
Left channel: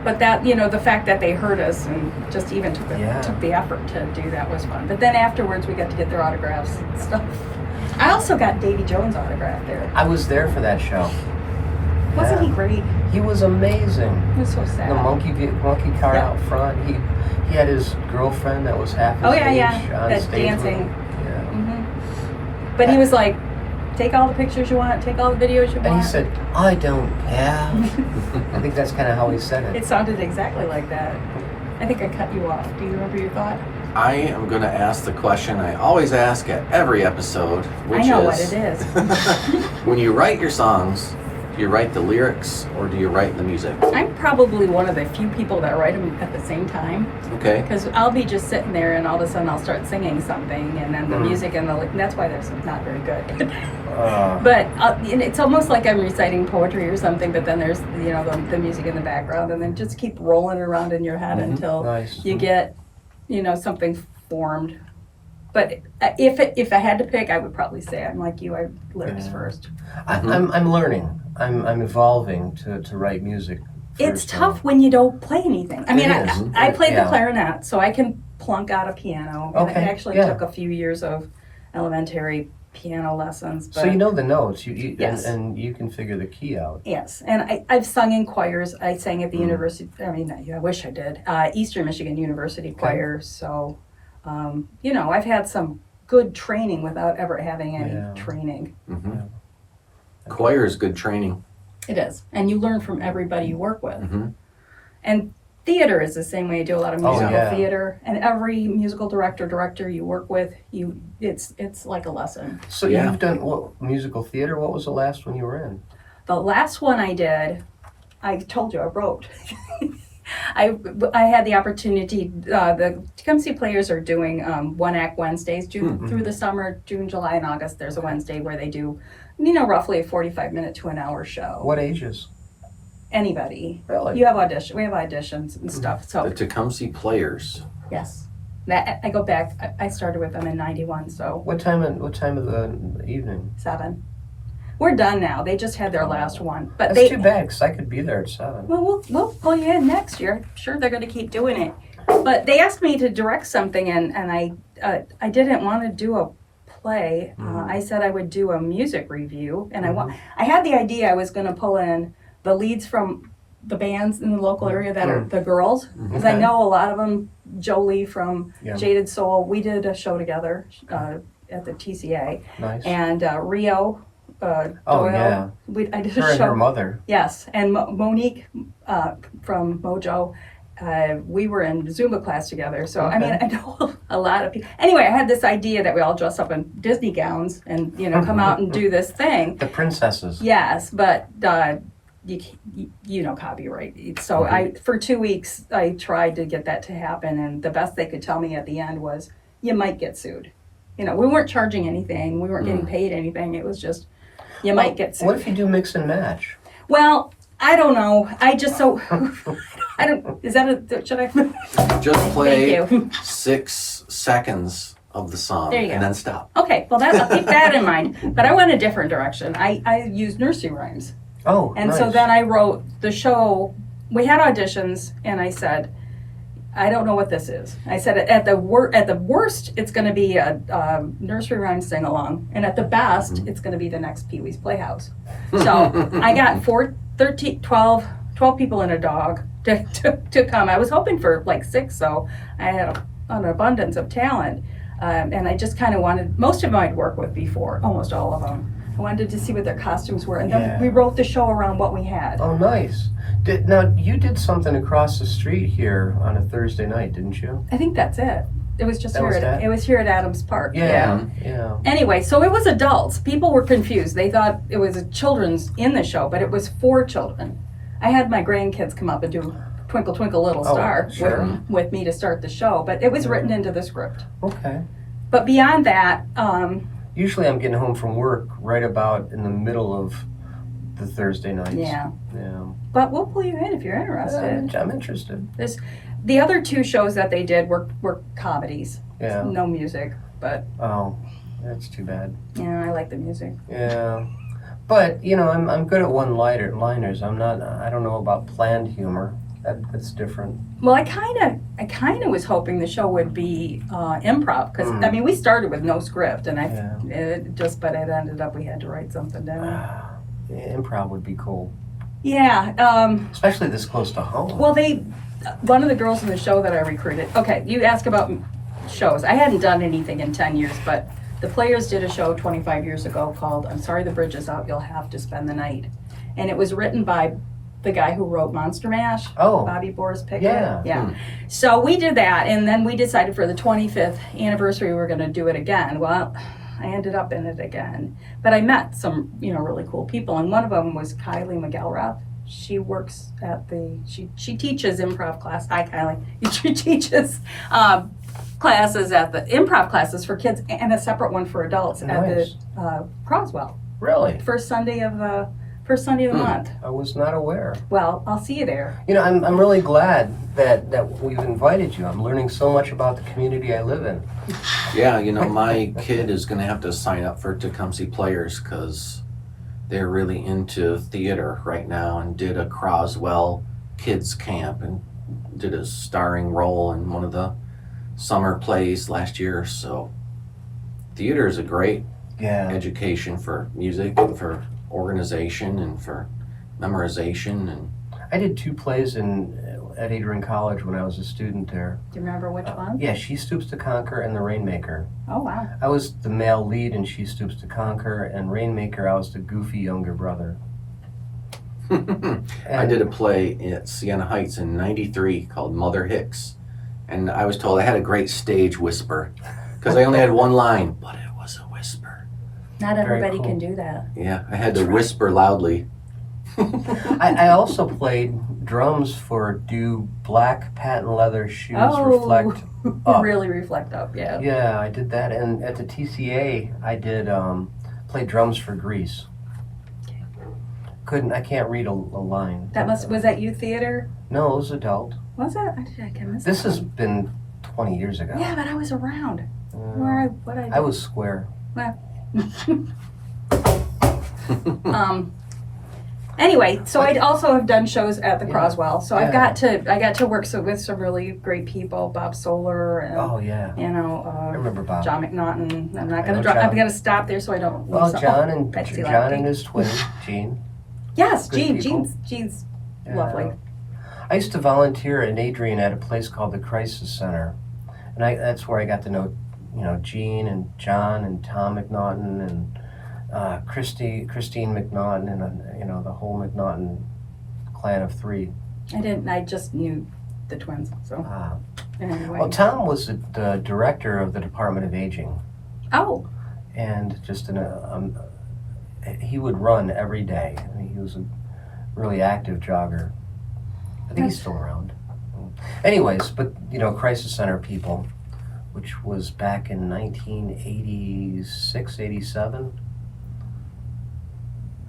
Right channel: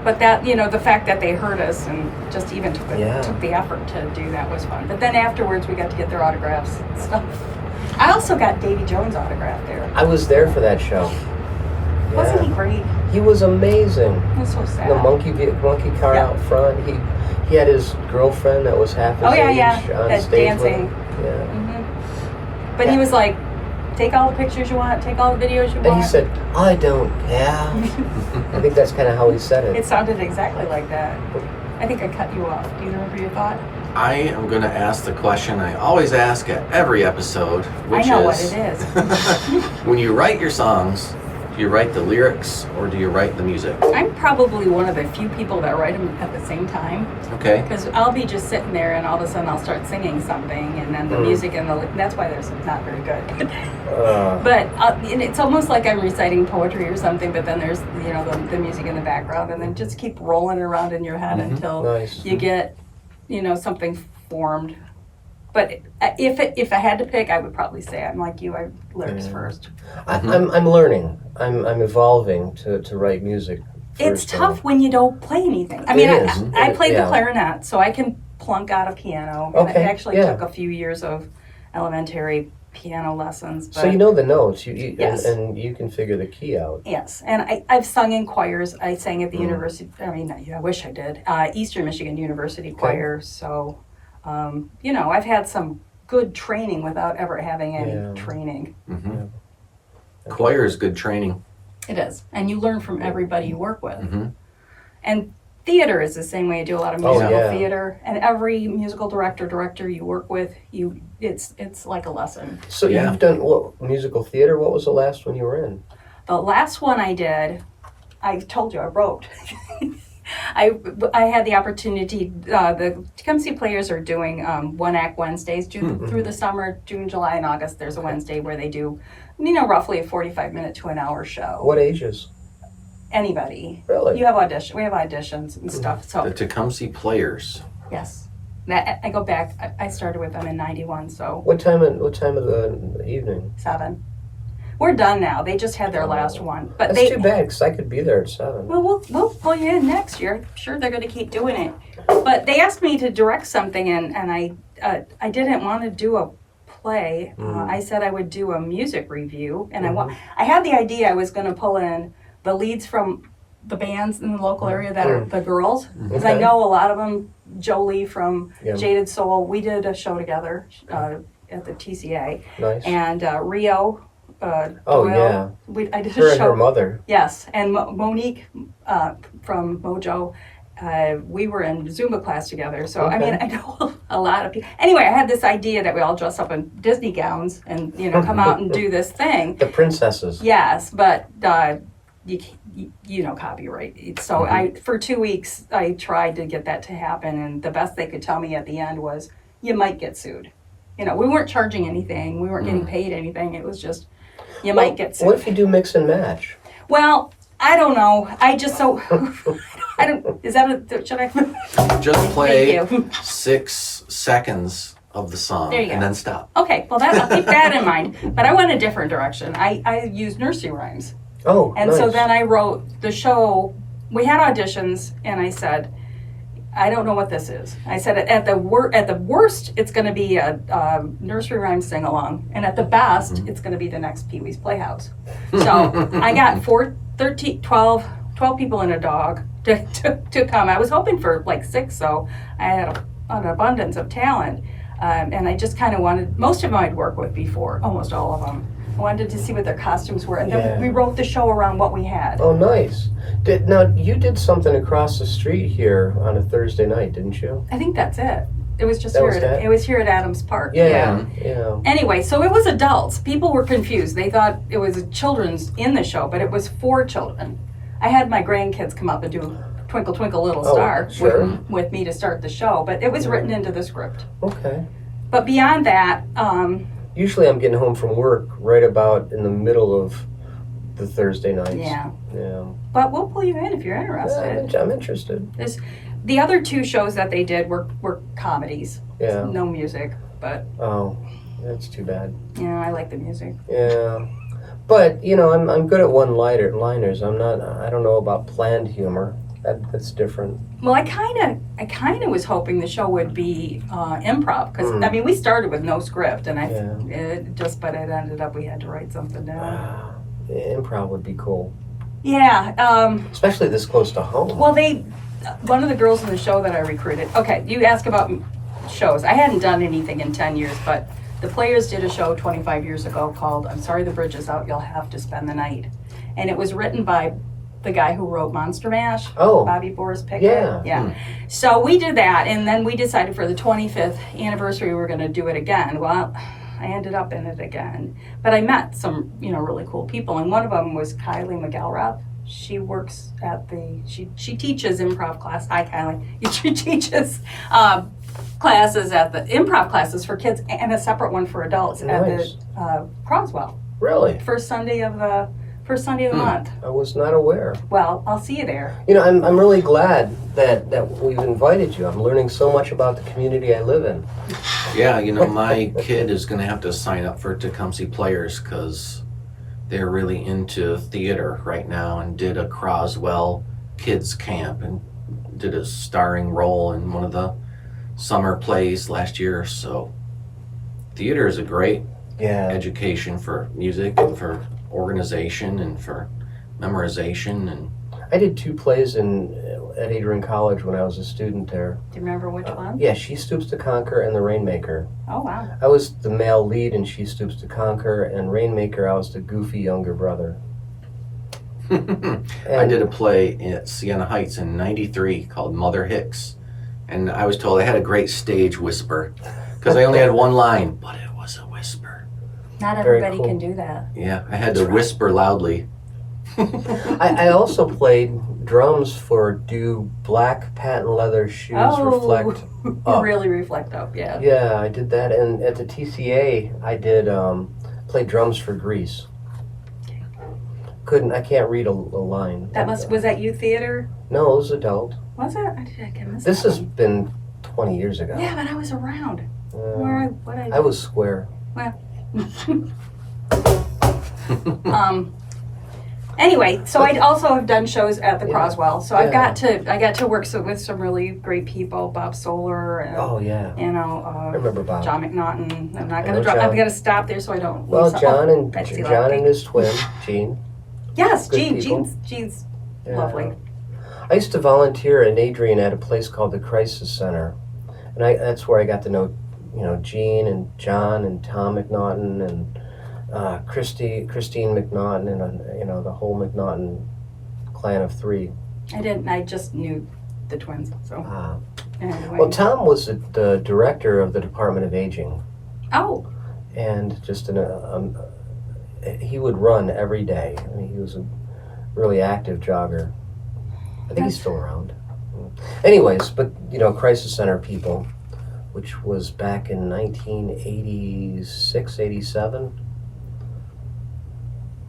But that, you know, the fact that they heard us and just even took the effort to do that was fun. But then afterwards, we got to get their autographs and stuff. I also got Davy Jones' autograph there. I was there for that show. Wasn't he great? He was amazing. It was so sad. The monkey car out front. He had his girlfriend that was half his age on that's stage dancing. Yeah. Mm-hmm. But he was like, take all the pictures you want, take all the videos you want. And he said, I don't care. I think that's kind of how he said it. It sounded exactly like that. I think I cut you off. Do you remember your thought? I am going to ask the question I always ask at every episode, which I know what it is. When you write your songs, do you write the lyrics or do you write the music? I'm probably one of the few people that write them at the same time. Okay. Because I'll be just sitting there and all of a sudden I'll start singing something and then the music and that's why that's not very good. But and it's almost like I'm reciting poetry or something, but then there's, you know, the music in the background and then just keep rolling around in your head until you get, you know, something formed. But if I had to pick, I would probably say I'm like you. I lyrics first. I'm learning. I'm evolving to write music. It's tough when you don't play anything. I mean, I played the Yeah. clarinet, so I can plunk out a piano. And I actually took a few years of elementary piano lessons. But so you know the notes. Yes. And you can figure the key out. Yes, and I've sung in choirs. I sang at the university. I mean, I wish I did. Eastern Michigan University choir. So. You know, I've had some good training without ever having any training. Mm-hmm. Yeah. Choir is good training. It is. And you learn from everybody you work with. Mm-hmm. And theater is the same way. You do a lot of musical theater. And every musical director you work with, it's like a lesson. So you've done what musical theater? What was the last one you were in? The last one I did, I told you I wrote. I had the opportunity, the Tecumseh Players are doing one-act Wednesdays through the summer, June, July, and August. There's a Wednesday where they do, you know, roughly a 45-minute to an hour show. What ages? Anybody. Really? We have auditions and stuff. So the Tecumseh Players. Yes. I go back, I started with them in 91, so. What time of the evening? 7. We're done now. They just had their last one. But That's too bad, because I could be there at 7. Well, we'll pull you in next year. I'm sure they're going to keep doing it. But they asked me to direct something, and I didn't want to do a play. I said I would do a music review, and I had the idea I was going to pull in the leads from the bands in the local area that are the girls, because I know a lot of them. Jolie from Jaded Soul. We did a show together at the TCA. Nice. And Rio. Doyle. I did her a show. And her mother. Yes, and Monique from Mojo. We were in Zumba class together, so I mean, I know a lot of people. Anyway, I had this idea that we all dress up in Disney gowns and come out and do this thing. The princesses. Yes, but you know copyright. So for 2 weeks I tried to get that to happen, and the best they could tell me at the end was you might get sued. You know, we weren't charging anything. We weren't getting paid anything. It was just. You might get sued. What if you do mix and match? Well, I don't know. I just I don't. Is that should I? Just play 6 seconds of the song and then stop. Okay, well I'll keep that in mind. But I went a different direction. I used nursery rhymes. Oh, and so then I wrote the show. We had auditions, and I said, I don't know what this is. I said at the worst, it's going to be a nursery rhyme sing along, and at the best, it's going to be the next Pee Wee's Playhouse. So I got 12 people and a dog to come. I was hoping for like 6, so I had an abundance of talent, and I just kind of wanted. Most of them I'd worked with before, almost all of them. I wanted to see what their costumes were, and then we wrote the show around what we had. Oh, nice. Now, you did something across the street here on a Thursday night, didn't you? I think that's it. It was just it was here at Adams Park. Yeah. Anyway, so it was adults. People were confused. They thought it was children's in the show, but it was for children. I had my grandkids come up and do Twinkle Twinkle Little Star with me to start the show, but it was written into the script. Okay. But beyond that, Usually I'm getting home from work right about in the middle of the Thursday nights. yeah. Yeah. But we'll pull you in if you're interested. I'm interested. The other 2 shows that they did were comedies. Yeah. No music, but Oh, that's too bad. yeah, I like the music. Yeah. But, you know, I'm good at one-liners. I don't know about planned humor. That's different. Well, I kind of was hoping the show would be improv because I mean we started with no script and but it ended up we had to write something down. Improv would be cool, Yeah. especially this close to home. Well, one of the girls in the show that I recruited. Okay, you ask about shows. I hadn't done anything in 10 years, but the Players did a show 25 years ago called "I'm Sorry the Bridge is Out. You'll Have to Spend the Night," and it was written by the guy who wrote Monster Mash, Bobby Boris Pickett. Yeah. So we did that, and then we decided for the 25th anniversary we were going to do it again. Well, I ended up in it again, but I met some really cool people, and one of them was Kylie McElrath. She works at she teaches improv class. Hi, Kylie. She teaches classes at the improv classes for kids and a separate one for adults at the Croswell. Really? First Sunday of the month. I was not aware. Well, I'll see you there. You know, I'm really glad that we've invited you. I'm learning so much about the community I live in. Yeah, you know, my kid is going to have to sign up for Tecumseh Players because they're really into theater right now and did a Croswell kids camp and did a starring role in one of the summer plays last year. So theater is a great education for music and for organization and for memorization. And I did 2 plays at Adrian College when I was a student there. Do you remember which one? Yeah, She Stoops to Conquer and The Rainmaker. Oh, wow. I was the male lead in She Stoops to Conquer, and Rainmaker I was the goofy younger brother. I did a play at Siena Heights in '93 called Mother Hicks, and I was told I had a great stage whisper because I only had one line, but it was a whisper. Not everybody can do that. Yeah, I had to whisper loudly. I also played drums for Do Black Patent Leather Shoes Reflect Up? Really reflect up, yeah. Yeah, I did that, and at the TCA I did play drums for Grease. I can't read a line. Was that youth theater? No, it was adult. Was it? I can miss This that has one. been 20 years ago. Yeah, but I was around. I was square. Well. Anyway, so I also have done shows at the Croswell. So I got to work with some really great people, Bob Solar and I remember Bob. John McNaughton. I'm not gonna I'm gonna stop there so I don't. John and his twin, Jean. Yes, Good Jean's lovely. I used to volunteer in Adrian at a place called the Crisis Center, and that's where I got to know, Jean and John and Tom McNaughton and Christine McNaughton and the whole McNaughton clan of 3. I just knew the twins. So anyway. Well, Tom was the director of the Department of Aging. Oh. And just he would run every day. I mean, he was a really active jogger. I think he's still around. Anyways, but Crisis Center people, which was back in 1986, 87.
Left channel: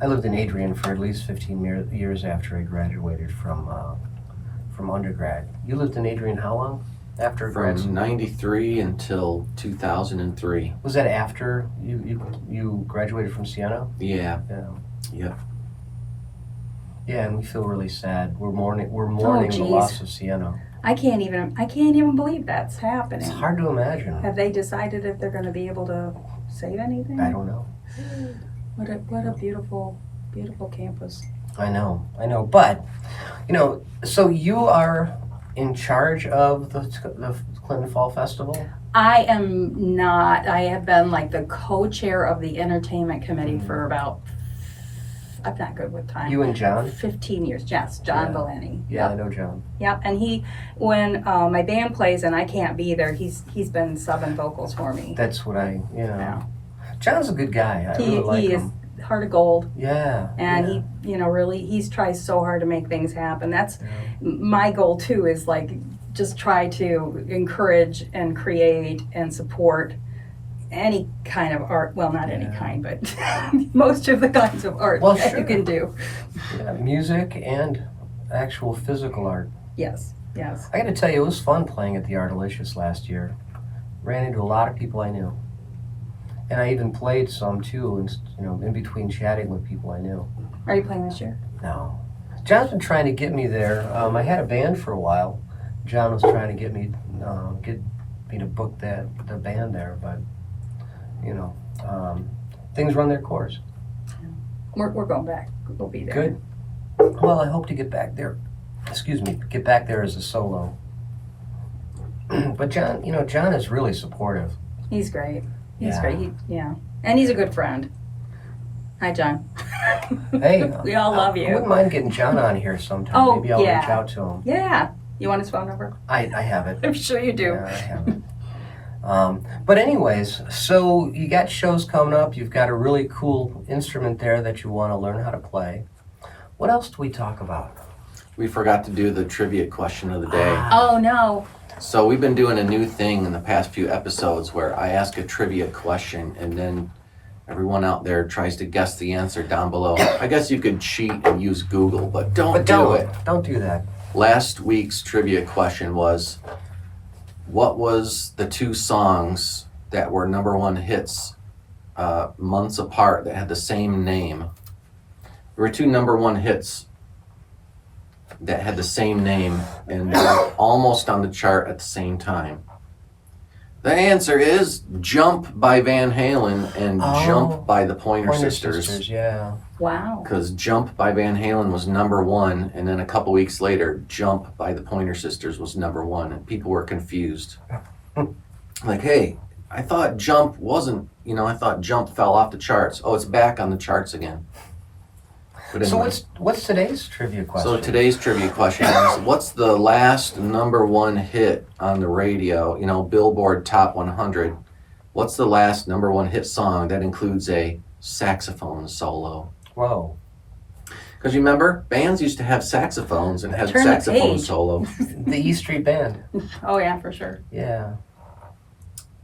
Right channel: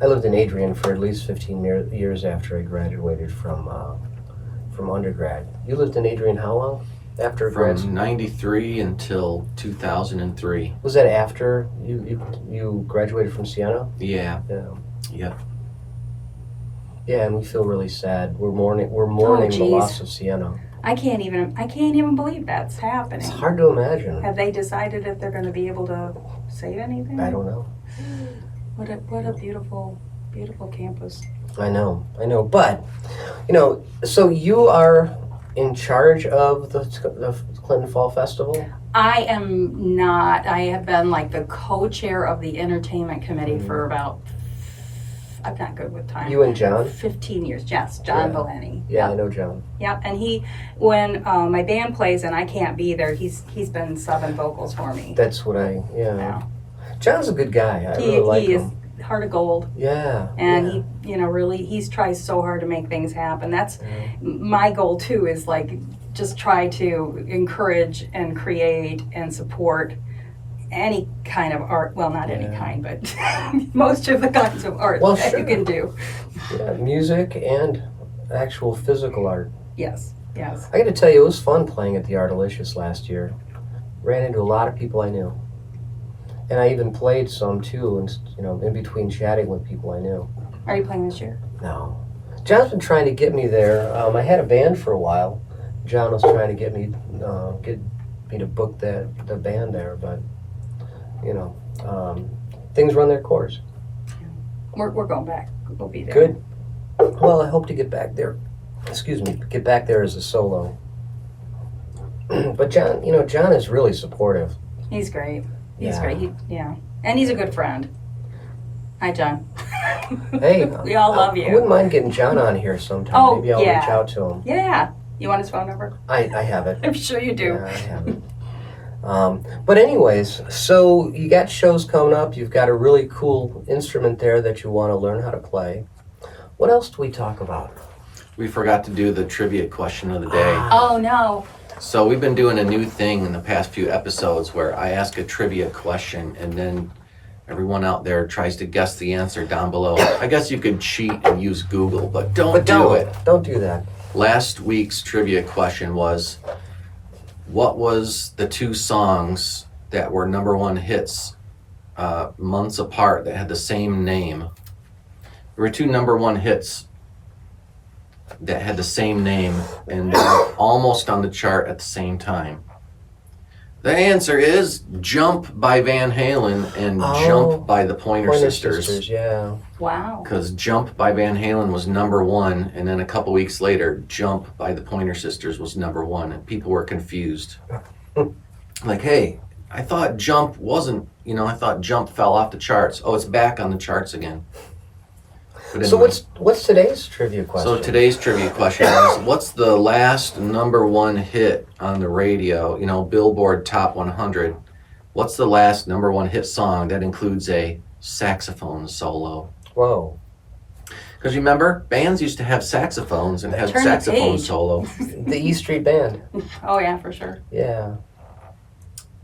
I lived in Adrian for at least 15 years after I graduated from undergrad. You lived in Adrian how long? After grad school? From 93 until 2003. Was that after you graduated from Siena? Yeah. Yep. Yeah, and we feel really sad. We're mourning the geez. loss of Siena. I can't even believe that's happening. It's hard to imagine. Have they decided if they're going to be able to save anything? I don't know. What a beautiful, beautiful campus. I know. But, so you are in charge of the Clinton Fall Festival? I am not. I have been like the co-chair of the entertainment committee for about, I'm not good with time. You and John? 15 years. Yes, John Valeni. Yeah, I know John. Yep, and when my band plays and I can't be there, he's been subbing vocals for me. That's what John's a good guy. I really like him. He is heart of gold. Yeah. And he really, he's tries so hard to make things happen. That's my goal too, is like just try to encourage and create and support any kind of art. Well, not any kind, but most of the kinds of art Well, that sure. you can do. Yeah, music and actual physical art. Yes. I got to tell you, it was fun playing at the Artalicious last year. Ran into a lot of people I knew, and I even played some too. And in between chatting with people I knew. Are you playing this year? No, John's been trying to get me there. I had a band for a while. John was trying to get me to book the band there, but things run their course. We're going back. We'll be there. Good. Well, I hope to get back there. Get back there as a solo. But John is really supportive. He's great. He's Yeah. great. And he's a good friend. Hi, John. Hey, We all love I you. wouldn't mind getting John on here sometime. Oh, Maybe I'll yeah. reach out to him. Yeah. You want his phone number? I have it. I'm sure you do. Yeah, I have it. But anyways, so you got shows coming up. You've got a really cool instrument there that you want to learn how to play. What else do we talk about? We forgot to do the trivia question of the day. Oh, no. So we've been doing a new thing in the past few episodes where I ask a trivia question and then everyone out there tries to guess the answer down below. I guess you could cheat and use Google, but don't do it. Don't do that. Last week's trivia question was, what was the two songs that were number one hits months apart that had the same name? There were two number one hits that had the same name and they were almost on the chart at the same time. The answer is Jump by Van Halen and Jump by the Pointer Sisters. Yeah. Wow. Because Jump by Van Halen was number one, and then a couple weeks later, Jump by the Pointer Sisters was number one, and people were confused. Like, hey, I thought Jump wasn't, I thought Jump fell off the charts. Oh, it's back on the charts again. But So anyway. what's today's trivia question? So today's trivia question is, what's the last number one hit on the radio, Billboard Top 100? What's the last number one hit song that includes a saxophone solo? Whoa. Because remember, bands used to have saxophones and have Turn the saxophone page. solo. The E Street Band. Oh, yeah, for sure. Yeah.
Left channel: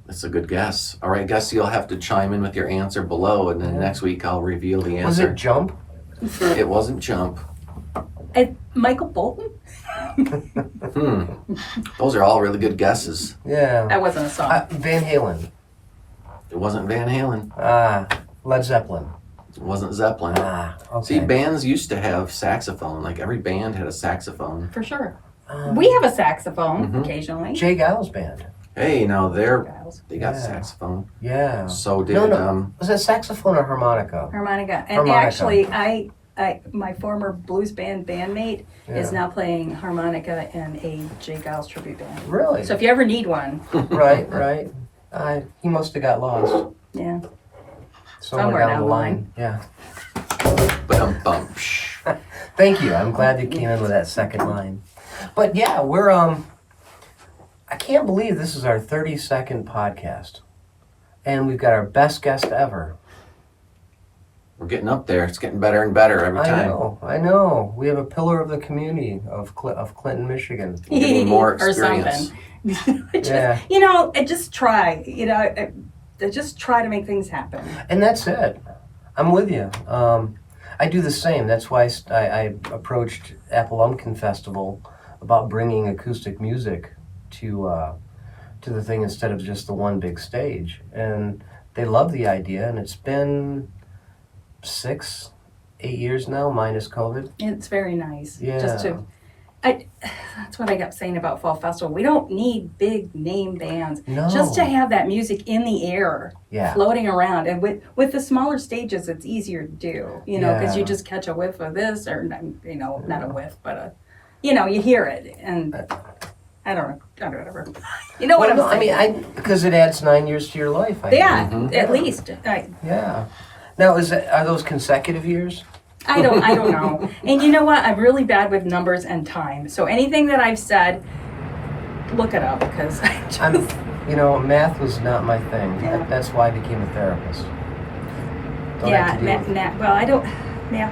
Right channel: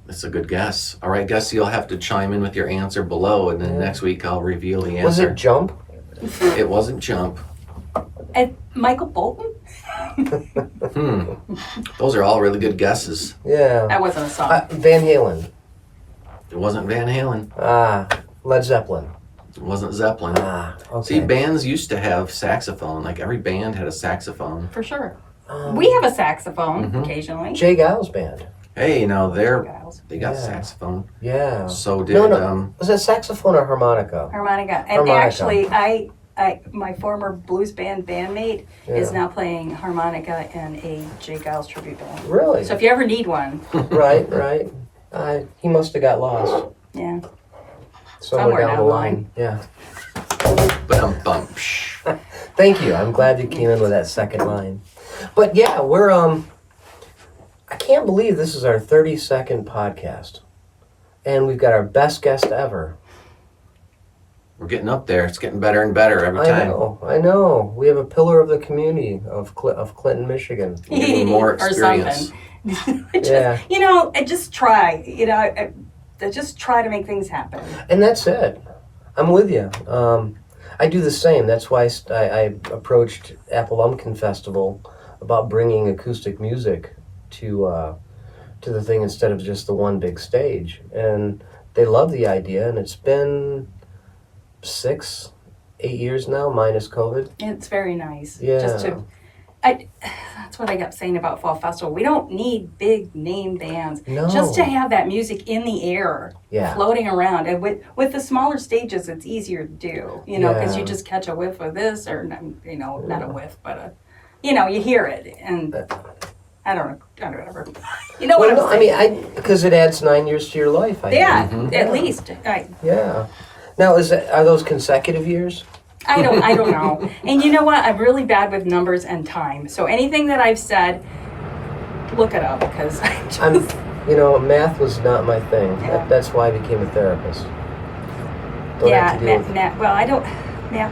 That's a good guess. All right, guess you'll have to chime in with your answer below, and then next week I'll reveal the Was answer. it Jump? It wasn't Jump. Michael Bolton? Those are all really good guesses. Yeah. That wasn't a song. Van Halen. It wasn't Van Halen. Led Zeppelin. It wasn't Zeppelin. Okay. See, bands used to have saxophone. Like every band had a saxophone. For sure. We have a saxophone occasionally. Jay Giles Band. Hey, Giles. they got Yeah. saxophone. Yeah. So did Was that saxophone or harmonica? Harmonica. And Harmonica. actually, I my former blues band bandmate is Yeah. now playing harmonica in a Jay Giles tribute band. Really? So if you ever need one, Right. He must have got lost yeah. somewhere down the line. Yeah. Ba-dum-bum. Thank you. I'm glad you came in with that second line. But yeah, we're I can't believe this is our 32nd podcast. And we've got our best guest ever. We're getting up there. It's getting better and better every time. I know. We have a pillar of the community of Clinton, Michigan. We're getting more or experience. something. Yeah. I just try. I just try to make things happen. And that's it. I'm with you. I do the same. That's why I approached Apple Lumpkin Festival about bringing acoustic music to the thing instead of just the one big stage. And they love the idea, and it's been 6-8 years now, minus COVID. It's very nice. Yeah. That's what I kept saying about Fall Festival. We don't need big name bands. No. Just to have that music in the air, Yeah. floating around. And with the smaller stages, it's easier to do, because you Yeah. just catch a whiff of this, or, not a whiff, but you hear it. And I don't know, whatever. You know what I'm saying? because it adds 9 years to your life. Yeah, think. at least. Yeah. Now, are those consecutive years? I don't know. And you know what? I'm really bad with numbers and time. So anything that I've said, look it up, because Math was not my thing. Yeah. That's why I became a therapist. Math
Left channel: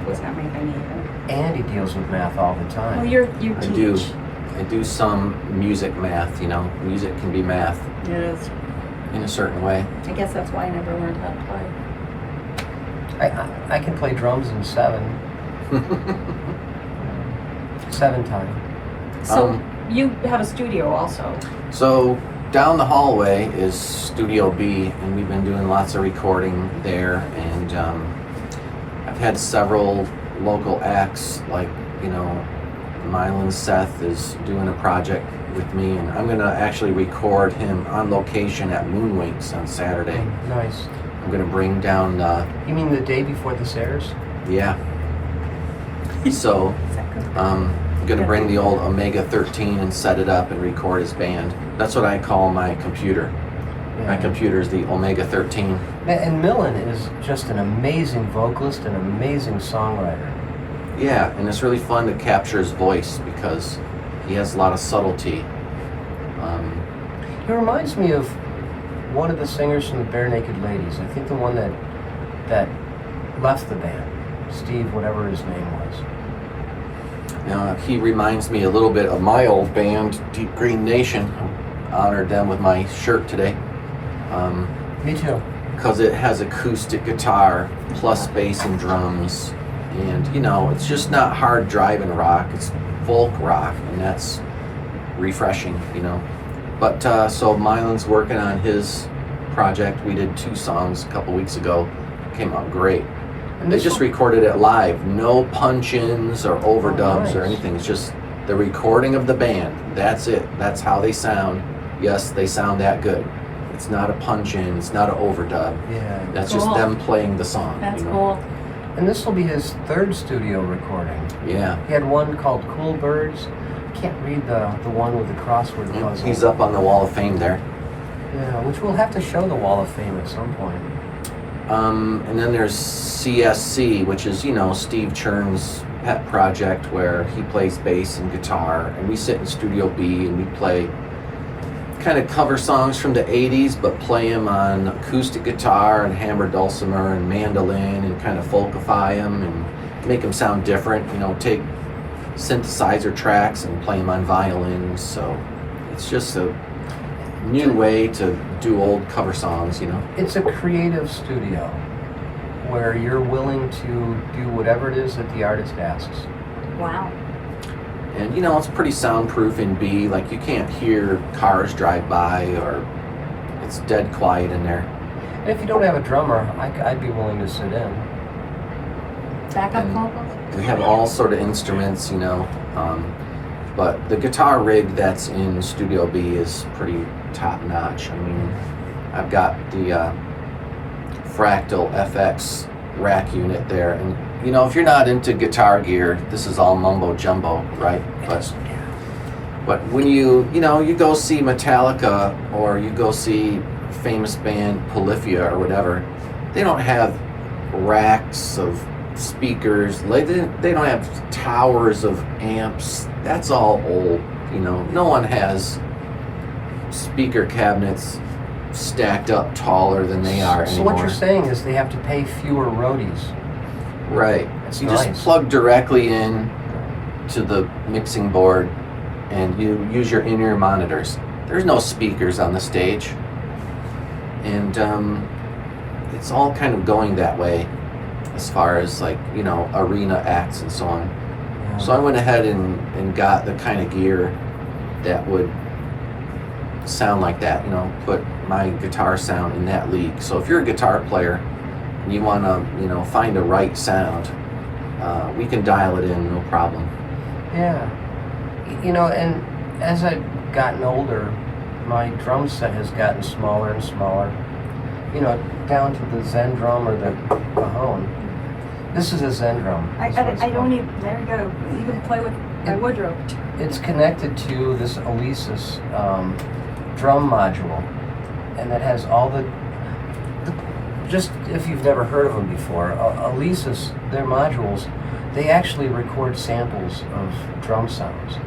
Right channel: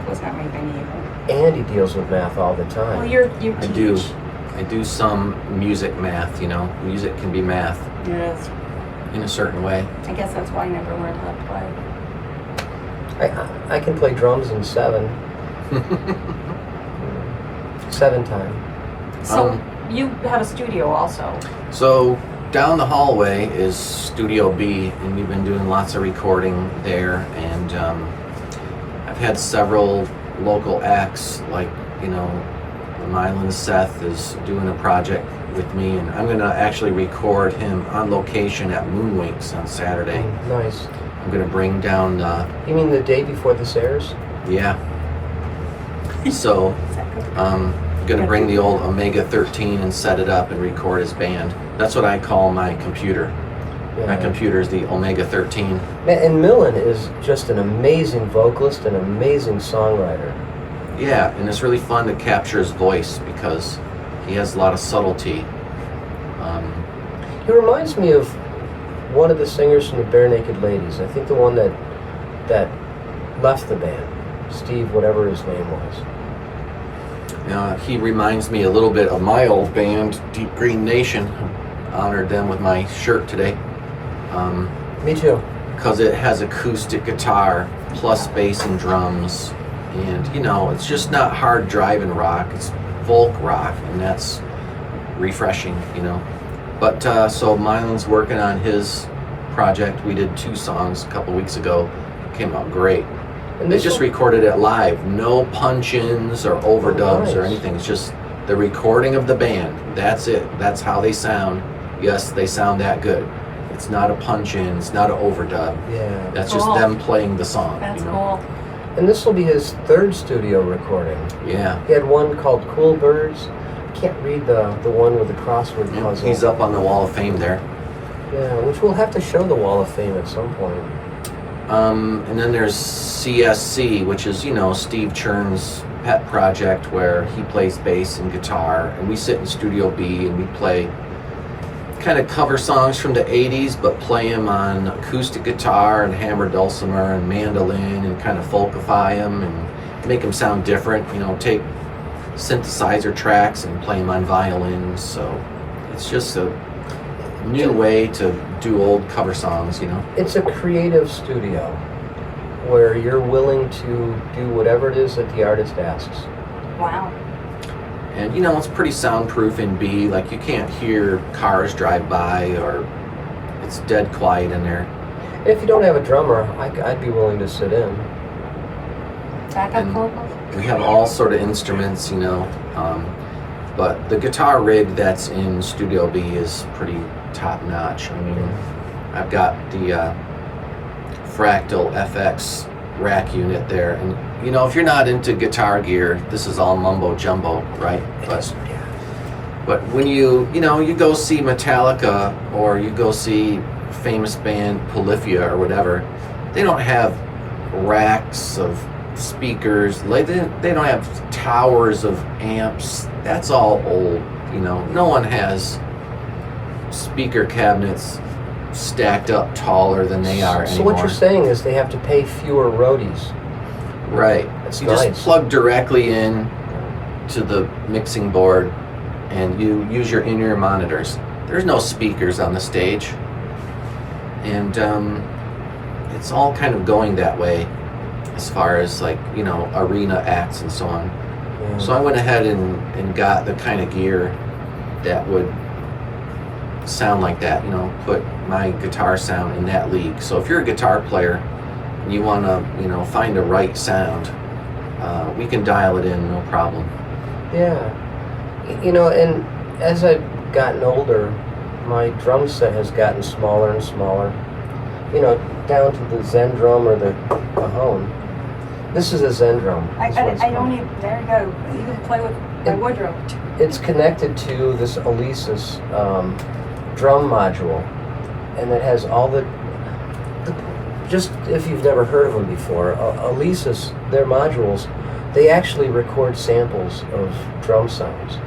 was not my thing either. Andy deals with math all the time. Well, you teach. I do some music math, Music can be math. Yes. in a certain way. I guess that's why I never learned how to play. I can play drums in 7 time. So you have a studio also. So down the hallway is Studio B, and we've been doing lots of recording there. And I've had several local acts, like, Mylan Seth is doing a project with me, and I'm gonna actually record him on location at Moonwinks on Saturday. Nice. I'm gonna bring down You mean the day before this airs? yeah. So I'm gonna bring the old Omega 13 and set it up and record his band. That's what I call my computer. My computer is the Omega 13. And Millen is just an amazing vocalist and an amazing songwriter. Yeah, and it's really fun to capture his voice because he has a lot of subtlety. He reminds me of one of the singers from the Bare Naked Ladies. I think the one that left the band, Steve, whatever his name was. He reminds me a little bit of my old band, Deep Green Nation. I honored them with my shirt today. Me too. Because it has acoustic guitar plus bass and drums. And, it's just not hard driving rock. It's folk rock, and that's refreshing, But so Mylan's working on his project. We did 2 songs a couple weeks ago. Came out great. And they just recorded it live. No punch-ins or overdubs or anything. It's just the recording of the band. That's it. That's how they sound. Yes, they sound that good. It's not a punch-in. It's not an overdub. Yeah. That's just them playing the song. That's cool. And this will be his 3rd studio recording. Yeah. He had one called Cool Birds. Can't read the one with the crossword puzzle. He's up on the Wall of Fame there. Yeah, which we'll have to show the Wall of Fame at some point. And then there's CSC, which is, Steve Chern's pet project where he plays bass and guitar, and we sit in Studio B and we play kind of cover songs from the 80s, but play them on acoustic guitar and hammered dulcimer and mandolin and kind of folkify them and make them sound different, take synthesizer tracks and play them on violins. So it's just a new way to do old cover songs, It's a creative studio where you're willing to do whatever it is that the artist asks. Wow. And it's pretty soundproof in B. Like, you can't hear cars drive by, or it's dead quiet in there. And if you don't have a drummer, I'd be willing to sit in. Backup vocals? We have all sort of instruments, but the guitar rig that's in Studio B is pretty top notch. I mean, I've got the Fractal FX rack unit there, and if you're not into guitar gear, this is all mumbo jumbo, right? But when you go see Metallica or you go see famous band Polyphia or whatever, they don't have racks of speakers. They don't have towers of amps. That's all old. No one has speaker cabinets stacked up taller than they are anymore. So what you're saying is they have to pay fewer roadies. Right. That's you nice. just plug directly in to the mixing board and you use your in-ear monitors. There's no speakers on the stage. And it's all kind of going that way as far as arena acts and so on. Yeah. So I went ahead and got the kind of gear that would sound like that, put my guitar sound in that league. So if you're a guitar player and you want to, find a right sound, we can dial it in, no problem. Yeah. And as I've gotten older, my drum set has gotten smaller and smaller. Down to the Zen drum or the Mahone. This is a Zen drum. I don't even, there you go. You can play with my Woodrow. It's connected to this Alesis drum module, and it has all the just if you've never heard of them before, Alesis, their modules, they actually record samples of drum sounds.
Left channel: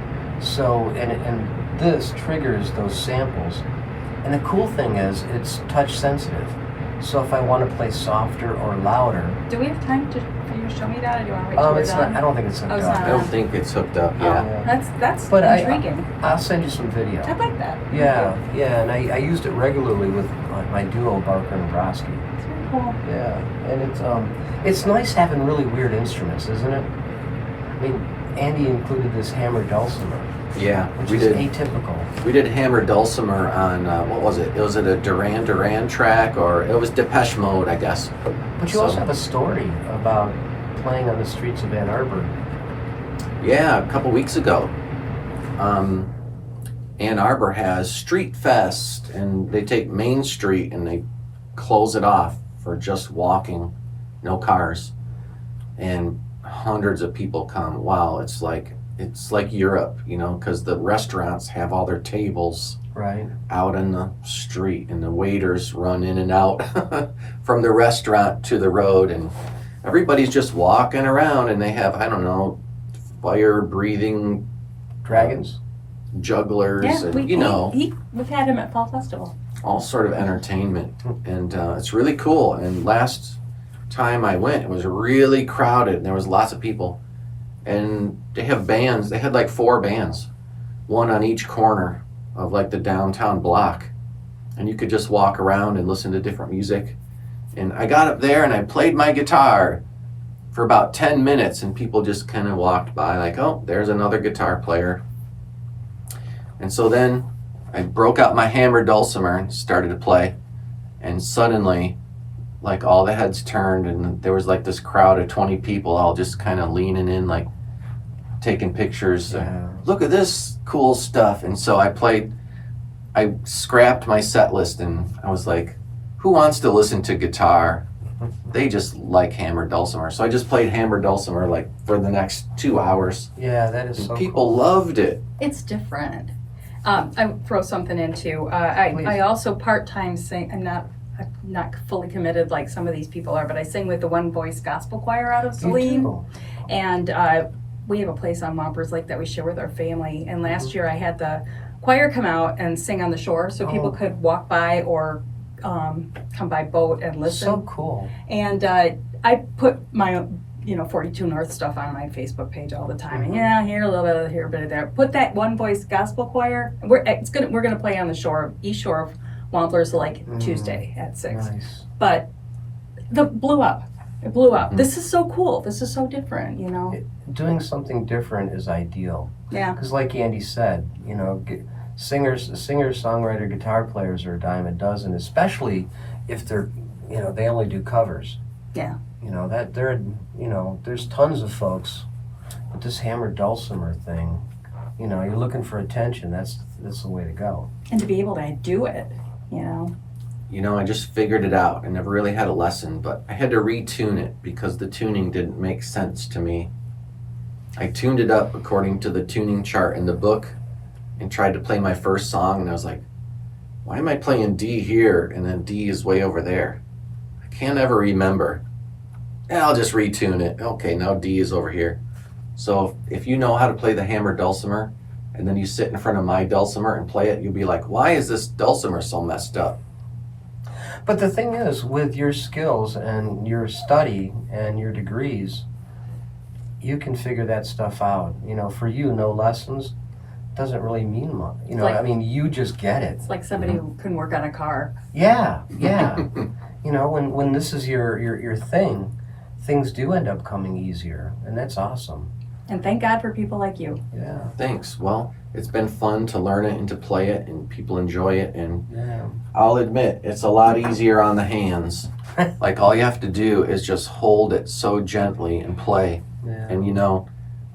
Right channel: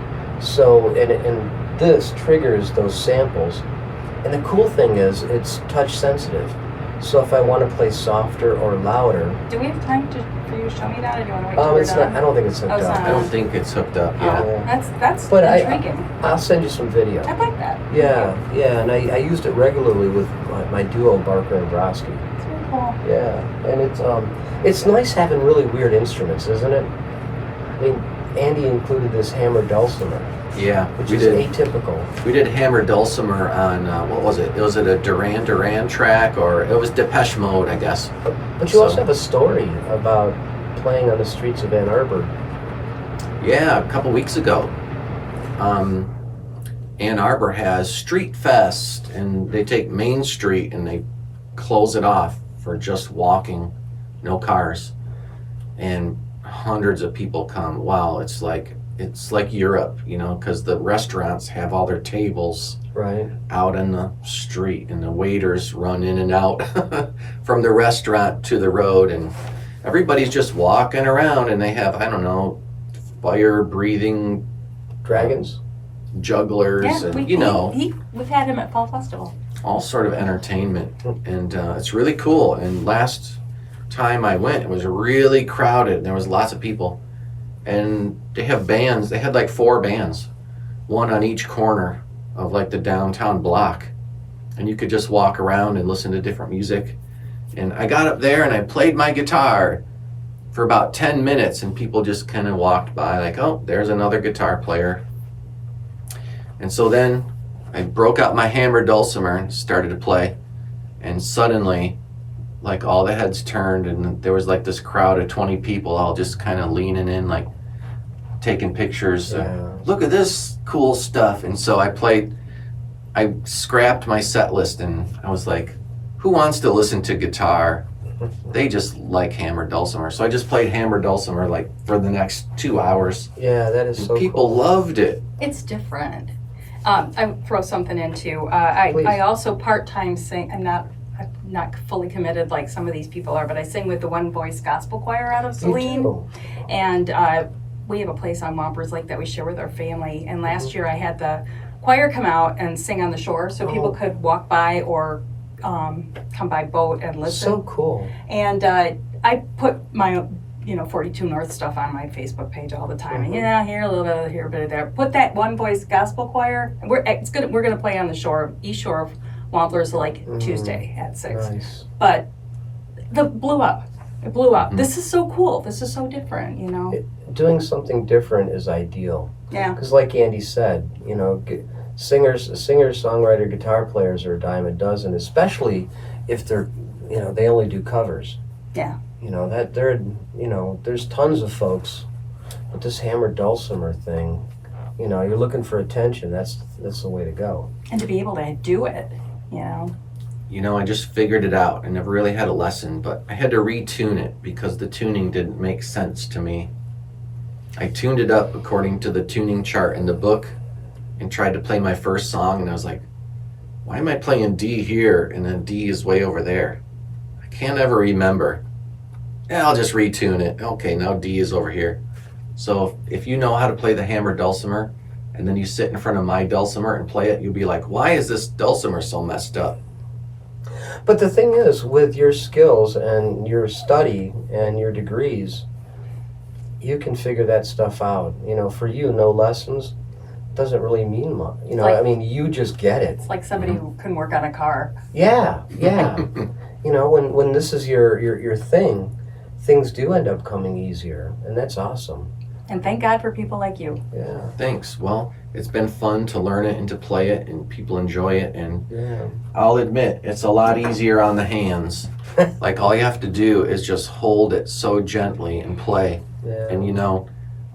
So, and this triggers those samples. And the cool thing is, it's touch sensitive. So if I want to play softer or louder, Do we have time for you to show me that, or do you want to wait till we're it's done? not. I don't think it's hooked Oh, it's up. not. I don't think it's hooked up Oh, yet. that's But intriguing. I'll send you some video. I like that. Yeah, yeah, and I used it regularly with my duo Barker and Broski. It's really cool. Yeah, and it's nice having really weird instruments, isn't it? I mean, Andy included this hammered dulcimer, Yeah, which we is did. atypical. We did hammer dulcimer on what was it? Was it a Duran Duran track, or it was Depeche Mode, I guess. But you also have a story about playing on the streets of Ann Arbor. Yeah, a couple weeks ago. Ann Arbor has Street Fest, and they take Main Street and they close it off for just walking, no cars, and hundreds of people come. Wow, it's like Europe, because the restaurants have all their tables Right. out in the street, and the waiters run in and out from the restaurant to the road, and everybody's just walking around, and they have, I don't know, fire breathing Dragons. jugglers, Yeah, and we've had him at Fall Festival. all sort of entertainment, and it's really cool. And last time I went, it was really crowded, and there was lots of people, and they have bands. They had like 4 bands, one on each corner of like the downtown block, and you could just walk around and listen to different music. And I got up there and I played my guitar for about 10 minutes, and people just kind of walked by like, oh, there's another guitar player. And so then I broke out my hammered dulcimer and started to play, and suddenly like all the heads turned, and there was like this crowd of 20 people all just kind of leaning in, like taking pictures. Yeah. Look at this cool stuff. And so I scrapped my set list, and I was like, who wants to listen to guitar? They just like hammered dulcimer. So I just played hammered dulcimer like for the next 2 hours. Yeah, that is And so people cool. loved it. It's different. I throw something in too. Please. I also part-time sing. I'm not fully committed like some of these people are, but I sing with the One Voice Gospel Choir out of You Saline. too. And we have a place on Wampers Lake that we share with our family. And last year I had the choir come out and sing on the shore, so people could walk by or come by boat and listen. So cool. And I put my 42 North stuff on my Facebook page all the time. And here a little bit of here, a bit of there. Put that One Voice Gospel Choir. We're gonna play on the shore, east shore of Wamplers Lake Tuesday at 6. Nice. But it blew up. This is so cool. This is so different, Doing something different is ideal. Yeah. Because like Andy said, singers, songwriter, guitar players are a dime a dozen, especially if they're, they only do covers. Yeah. There's tons of folks, but this hammered dulcimer thing, you're looking for attention. That's the way to go. And to be able to do it, I just figured it out. I never really had a lesson, but I had to retune it because the tuning didn't make sense to me. I tuned it up according to the tuning chart in the book and tried to play my first song, and I was like, why am I playing D here and then D is way over there? I can't ever remember. Yeah, I'll just retune it. Okay, now D is over here. So if you know how to play the hammered dulcimer and then you sit in front of my dulcimer and play it, you'll be like, why is this dulcimer so messed up? But the thing is, with your skills and your study and your degrees, you can figure that stuff out. For you, no lessons doesn't really mean much. You just get it. It's like somebody who can work on a car. Yeah. When this is your thing, things do end up coming easier, and that's awesome. And thank God for people like you. Yeah. Thanks. Well, it's been fun to learn it and to play it, and people enjoy it. And Yeah. I'll admit, it's a lot easier on the hands. Like, all you have to do is just hold it so gently and play. Yeah. And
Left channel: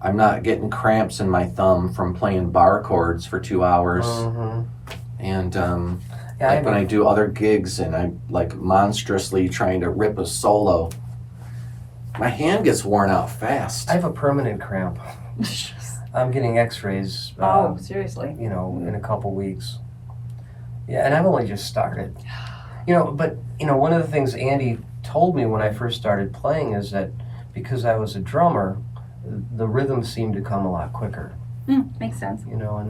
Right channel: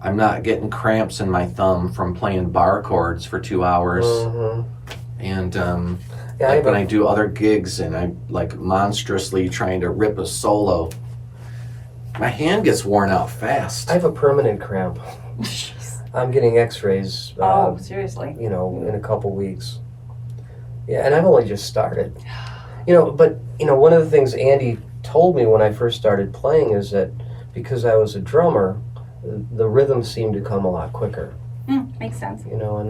I'm not getting cramps in my thumb from playing bar chords for 2 hours. Mhm. And Yeah, when I do other gigs and I'm like monstrously trying to rip a solo, my hand gets worn out fast. I have a permanent cramp. I'm getting x-rays, Seriously. in a couple weeks. Yeah, and I've only just started. But one of the things Andy told me when I first started playing is that because I was a drummer, the rhythm seemed to come a lot quicker. Makes sense. And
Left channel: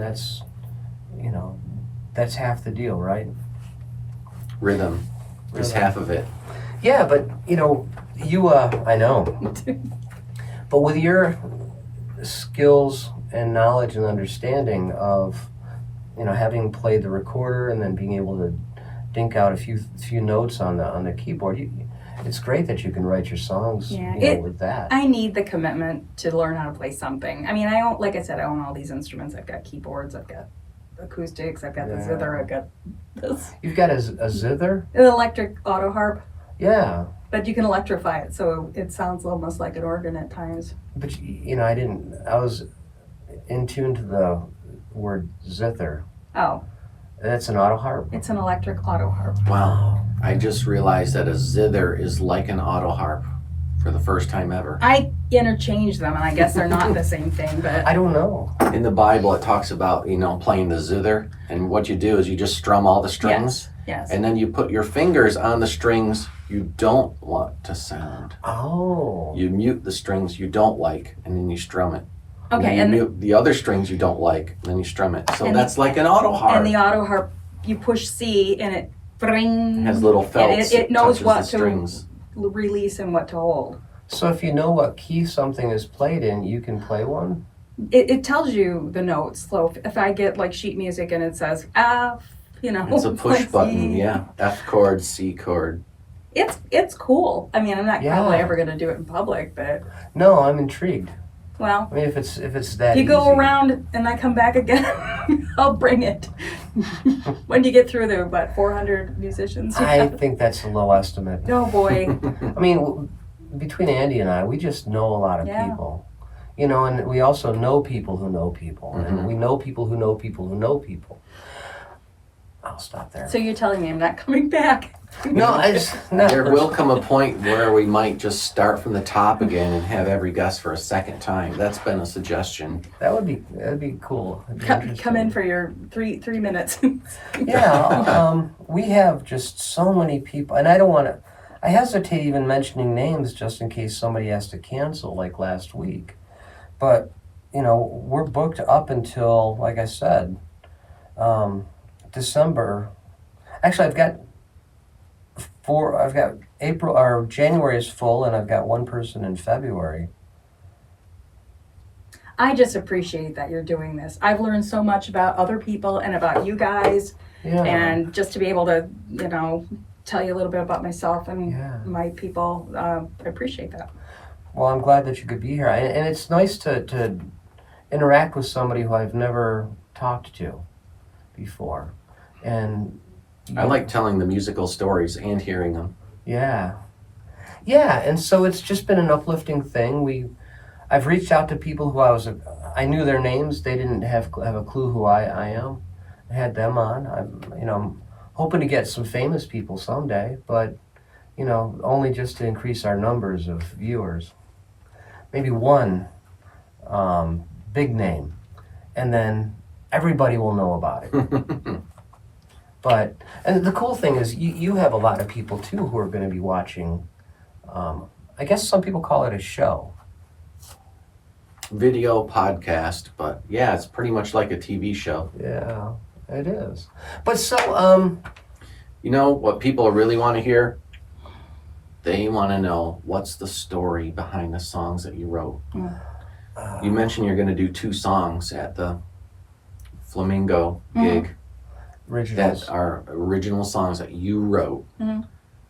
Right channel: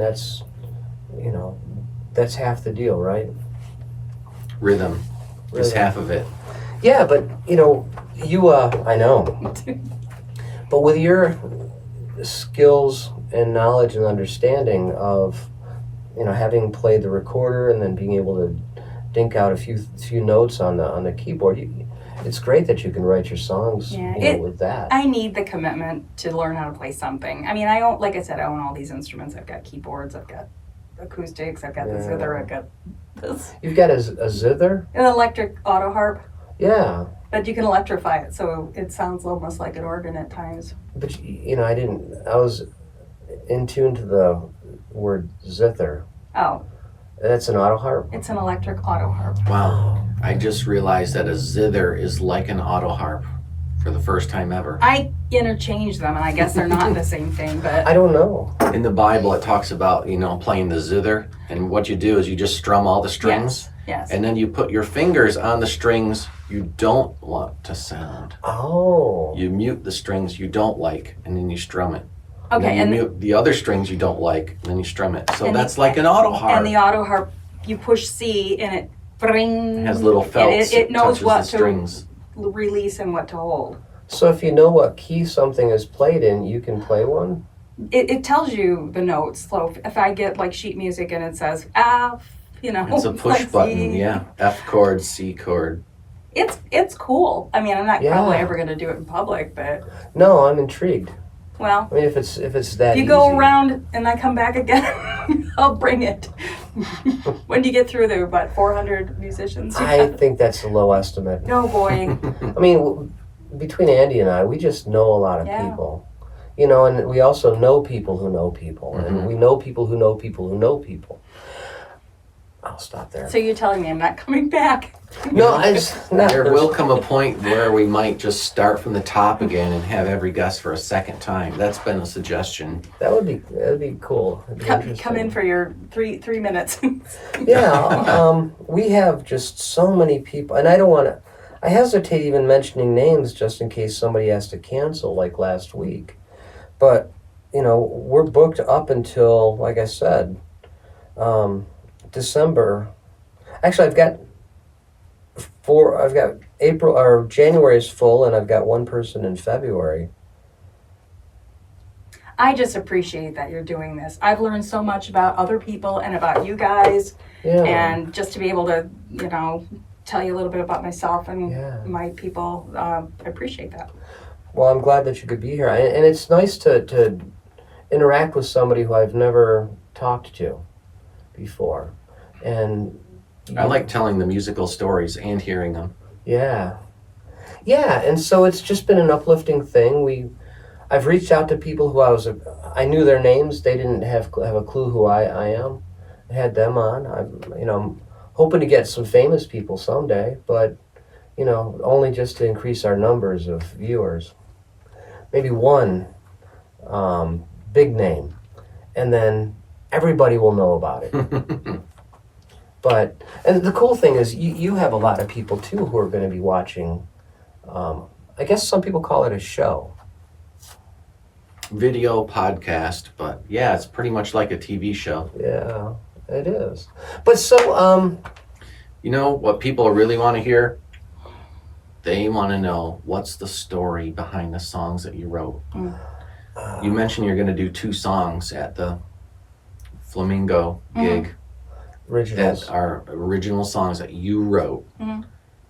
that's half the deal, right? Rhythm. Just half of it. Yeah, but you I know. But with your skills and knowledge and understanding of, having played the recorder and then being able to dink out a few notes on the keyboard, it's great that you can write your songs with that. I need the commitment to learn how to play something. I mean, like I said, I own all these instruments. I've got keyboards, I've got acoustics, I've got the zither, I've got this. You've got a zither? An electric auto harp. Yeah. But you can electrify it, so it sounds almost like an organ at times. But I was in tune to the word zither. Oh. That's an auto harp? It's an electric auto harp. Wow. I just realized that a zither is like an auto harp for the first time ever. I interchange them, and I guess they're not the same thing, but... I don't know. In the Bible, it talks about, playing the zither, and what you do is you just strum all the strings. Yes. And then you put your fingers on the strings you don't want to sound. Oh. You mute the strings you don't like, and then you strum it. Okay, and then you mute the other strings you don't like, and then you strum it. So that's like an auto harp. And the auto harp, you push C, and it It has little felts. It knows what the strings. To release and what to hold. So if you know what key something is played in, you can play one? It tells you the notes. So if I get like sheet music and it says F, It's a push like button, C. yeah. F chord, C chord. It's cool. I mean, I'm not probably ever going to do it in public, but... No, I'm intrigued. Well, I mean, if it's that if you go easy. around and I come back again, I'll bring it. When do you get through the 400 musicians? I think that's a low estimate. Oh boy. I mean, between Andy and I, we just know a lot of people. And we also know people who know people. Mm-hmm. And we know people who know people who know people. I'll stop there. So you're telling me I'm not coming back? No, There will come a point where we might just start from the top again and have every guest for a second time. That's been a suggestion. That would be cool. Come in for your three minutes. Yeah, we have just so many people, and I hesitate even mentioning names just in case somebody has to cancel like last week. But, we're booked up until, like I said, December. Actually, I've got April or January is full, and I've got one person in February. I just appreciate that you're doing this. I've learned so much about other people and about you guys, and just to be able to, tell you a little bit about myself and my people, I appreciate that. Well, I'm glad that you could be here, and it's nice to interact with somebody who I've never talked to before, and I like telling the musical stories and hearing them. Yeah, and so it's just been an uplifting thing. I've reached out to people who I knew their names. They didn't have a clue who I am. I had them on. I'm hoping to get some famous people someday, but only just to increase our numbers of viewers. Maybe one big name, and then everybody will know about it. And the cool thing is you have a lot of people too who are going to be watching. I guess some people call it a show. Video podcast, but yeah, it's pretty much like a TV show. Yeah, it is. But so, what people really want to hear? They want to know what's the story behind the songs that you wrote. You mentioned you're going to do 2 songs at the Flamingo gig. Originals. That are original songs that you wrote. Mm-hmm.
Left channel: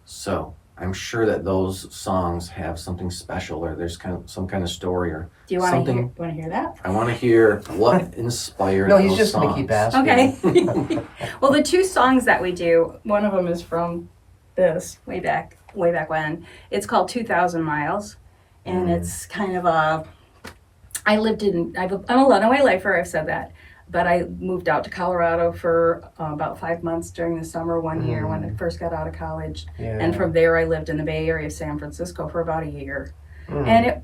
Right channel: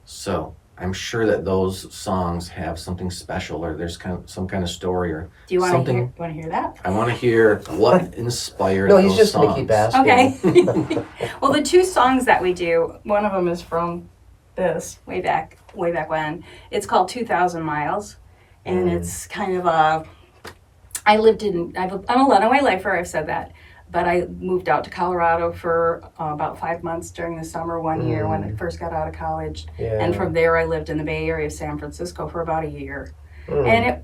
So I'm sure that those songs have something special, or there's some kind of story, or Do you want something. to hear that? I want to hear what inspired No, those he's just songs. going to keep asking. Okay. Well, the 2 songs that we do, one of them is from this way back when. It's called 2,000 Miles, and it's kind of I'm a runaway lifer, I've said that, but I moved out to Colorado for about 5 months during the summer one year when I first got out of college. Yeah. And from there I lived in the Bay Area of San Francisco for about a year. And it,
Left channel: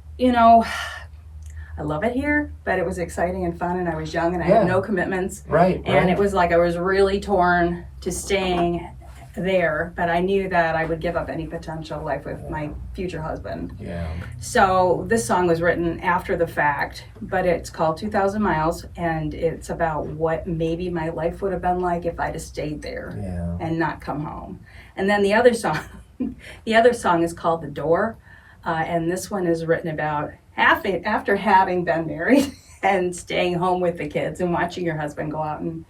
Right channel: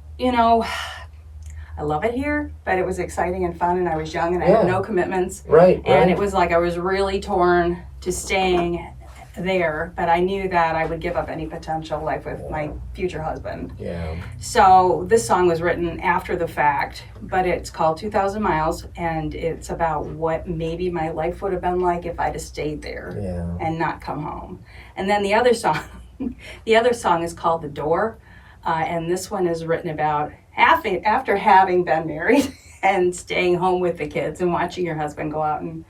I love it here, but it was exciting and fun, and I was young and I had no commitments. Right. And it was like I was really torn to staying there, but I knew that I would give up any potential life with my future husband. Yeah. So this song was written after the fact, but it's called 2,000 Miles, and it's about what maybe my life would have been like if I'd have stayed there and not come home. And then the other song, the other song is called The Door. And this one is written about after having been married and staying home with the kids and watching your husband go out and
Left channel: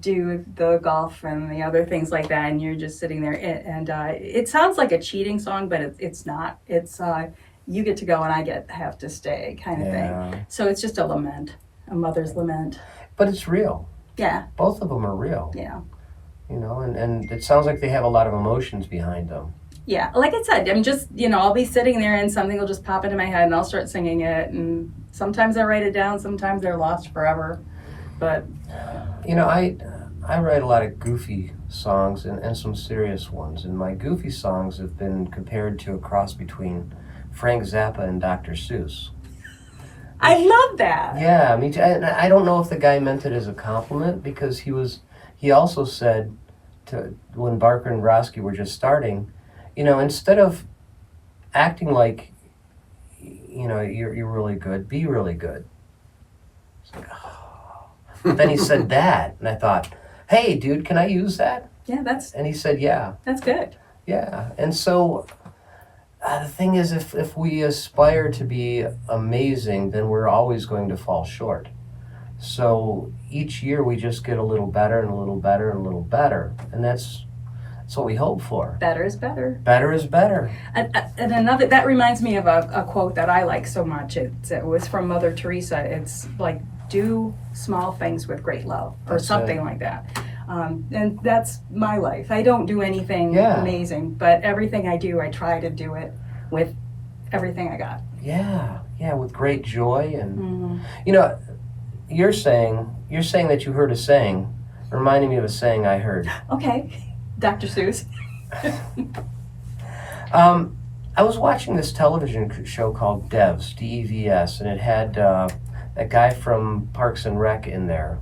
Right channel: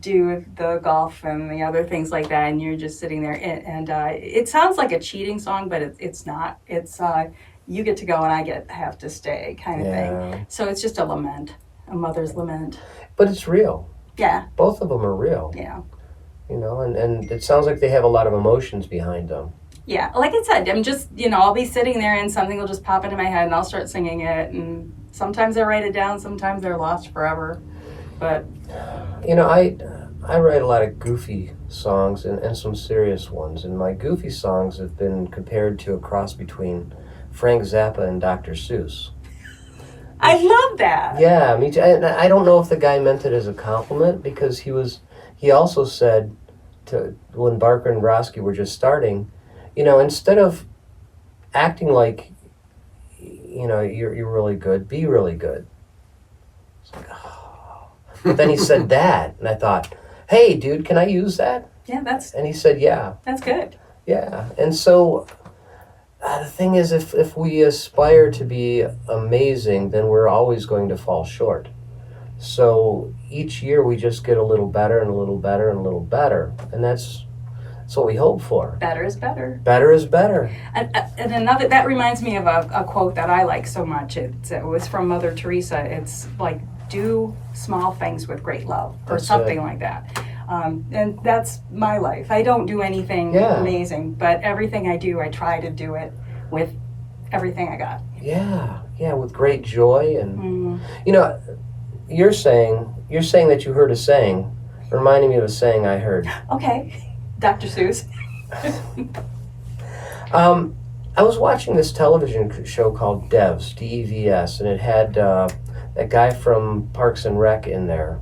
do the golf and the other things like that, and you're just sitting there. And it sounds like a cheating song, but it's not. It's you get to go and I have to stay kind of thing. So it's just a lament, a mother's lament. But it's real. Yeah. Both of them are real. Yeah. You know, and it sounds like they have a lot of emotions behind them. Yeah, like I said, I'm just, I'll be sitting there and something will just pop into my head and I'll start singing it. And sometimes I write it down, sometimes they're lost forever. But, I write a lot of goofy songs and some serious ones. And my goofy songs have been compared to a cross between Frank Zappa and Dr. Seuss. I love that. Yeah, me too. And I don't know if the guy meant it as a compliment, because he also said when Barker and Brodsky were just starting, instead of acting like, you're really good, be really good. It's like, oh. But then he said that, and I thought, hey, dude, can I use that? Yeah, And he said, yeah. That's good. Yeah, and so the thing is, if we aspire to be amazing, then we're always going to fall short. So each year we just get a little better and a little better and a little better, and that's what we hope for. Better is better. Better is better. And another, that reminds me of a quote that I like so much. It was from Mother Teresa. It's like, do small things with great love, or That's something it. like that. And that's my life. I don't do anything Yeah. amazing, but everything I do, I try to do it with everything I got. Yeah, with great joy. And you're saying that you heard a saying, reminding me of a saying I heard. Okay, Dr. Seuss. I was watching this television show called Devs, Devs, and it had that guy from Parks and Rec in there.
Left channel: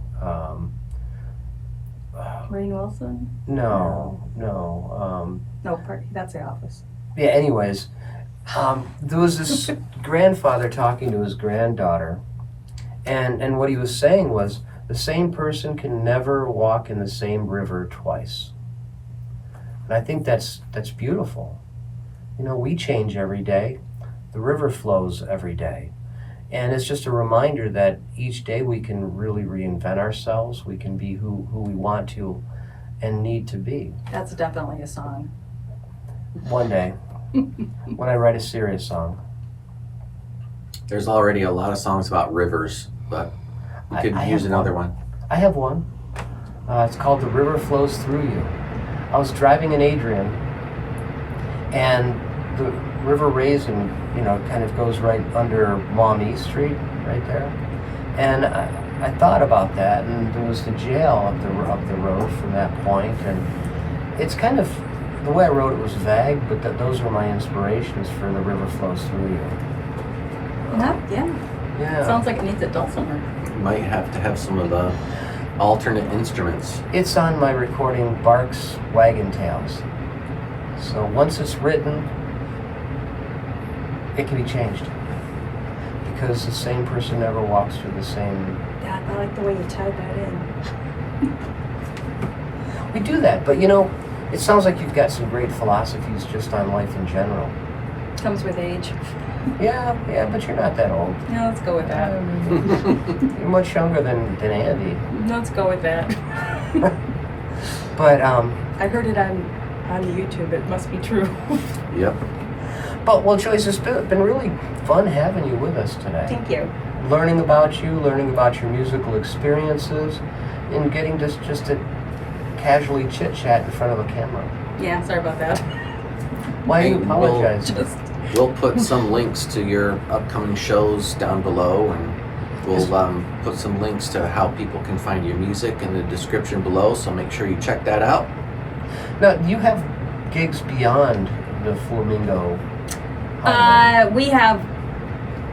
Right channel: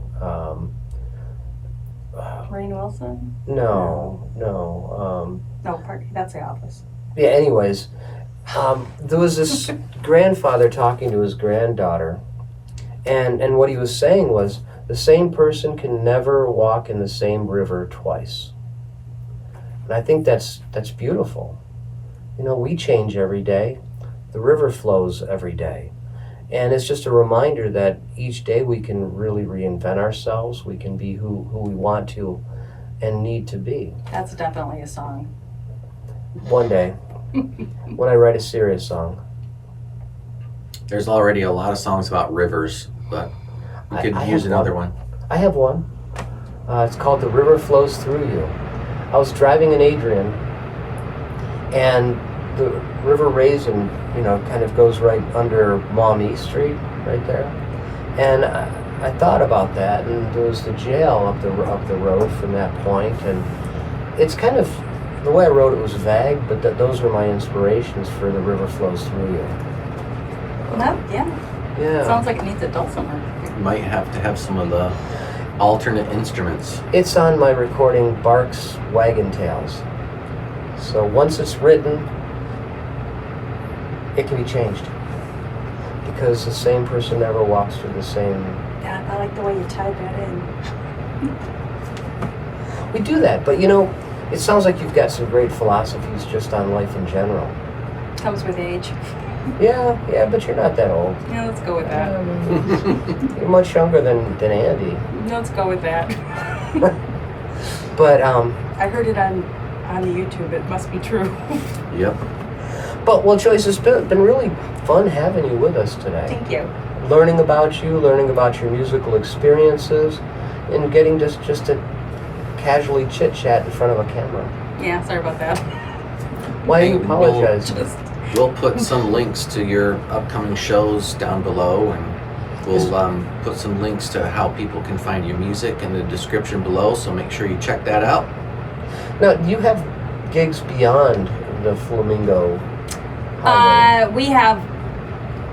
Rainn Wilson? No. That's The Office. Yeah, anyways, there was this grandfather talking to his granddaughter, and what he was saying was, the same person can never walk in the same river twice. And I think that's beautiful. We change every day. The river flows every day. And it's just a reminder that each day we can really reinvent ourselves. We can be who we want to and need to be. That's definitely a song. One day, when I write a serious song. There's already a lot of songs about rivers, but we could I use have another one. I have one. It's called The River Flows Through You. I was driving in Adrian, and the River Raisin, kind of goes right under Maumee Street, right there. And I thought about that, and there was the jail up the road from that point, and it's kind of, the way I wrote it was vague, but those were my inspirations for The River Flows Through You. Yeah. Sounds like it needs a dulcimer. Might have to have some of the alternate instruments. It's on my recording, Barks Wagon Tales. So once it's written, it can be changed. Because the same person never walks through the same... Yeah, I like the way you tied that in. We do that, but it sounds like you've got some great philosophies just on life in general. Comes with age. Yeah, but you're not that old. Yeah, let's go with that. You're much younger than Andy. Let's go with that. But, I heard it on the YouTube. It must be true. Yep. But, well, Joyce, it's been really fun having you with us today. Thank you. Learning about you, learning about your musical experiences, and getting just to casually chit-chat in front of a camera. Yeah, sorry about that. Why do you apologize? We'll put some links to your upcoming shows down below, and we'll put some links to how people can find your music in the description below, so make sure you check that out. Now, do you have gigs beyond the Flamingo? We have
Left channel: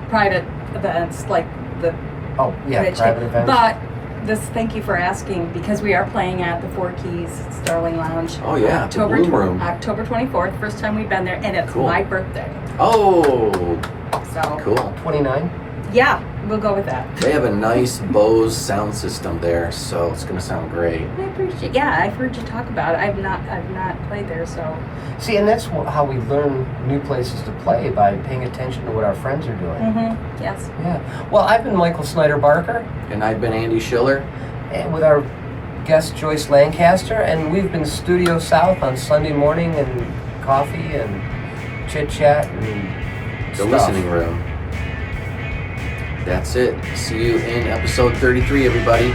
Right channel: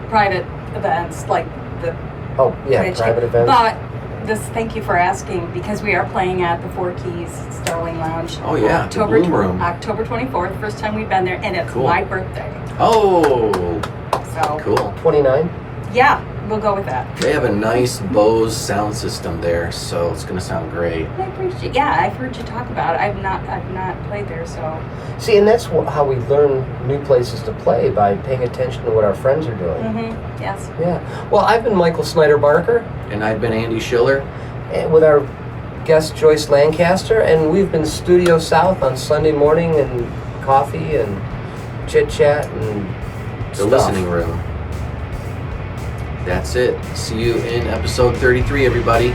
private events like the Oh, yeah, private events. But thank you for asking, because we are playing at the Four Keys Starling Lounge. Oh yeah, the Bloom Room. October 24th, first time we've been there, and it's Cool. my birthday. Oh, So cool. 29? Yeah, we'll go with that. They have a nice Bose sound system there, so it's gonna sound great. I appreciate. Yeah, I've heard you talk about it. I've not played there, so. See, and that's how we learn new places to play, by paying attention to what our friends are doing. Mm-hmm. Yes. Yeah. Well, I've been Michael Snyder Barker, And I've been Andy Schiller. and with our guest Joyce Lancaster, and we've been Studio South on Sunday morning, and coffee and chit chat and The stuff. listening room. That's it. See you in episode 33, everybody.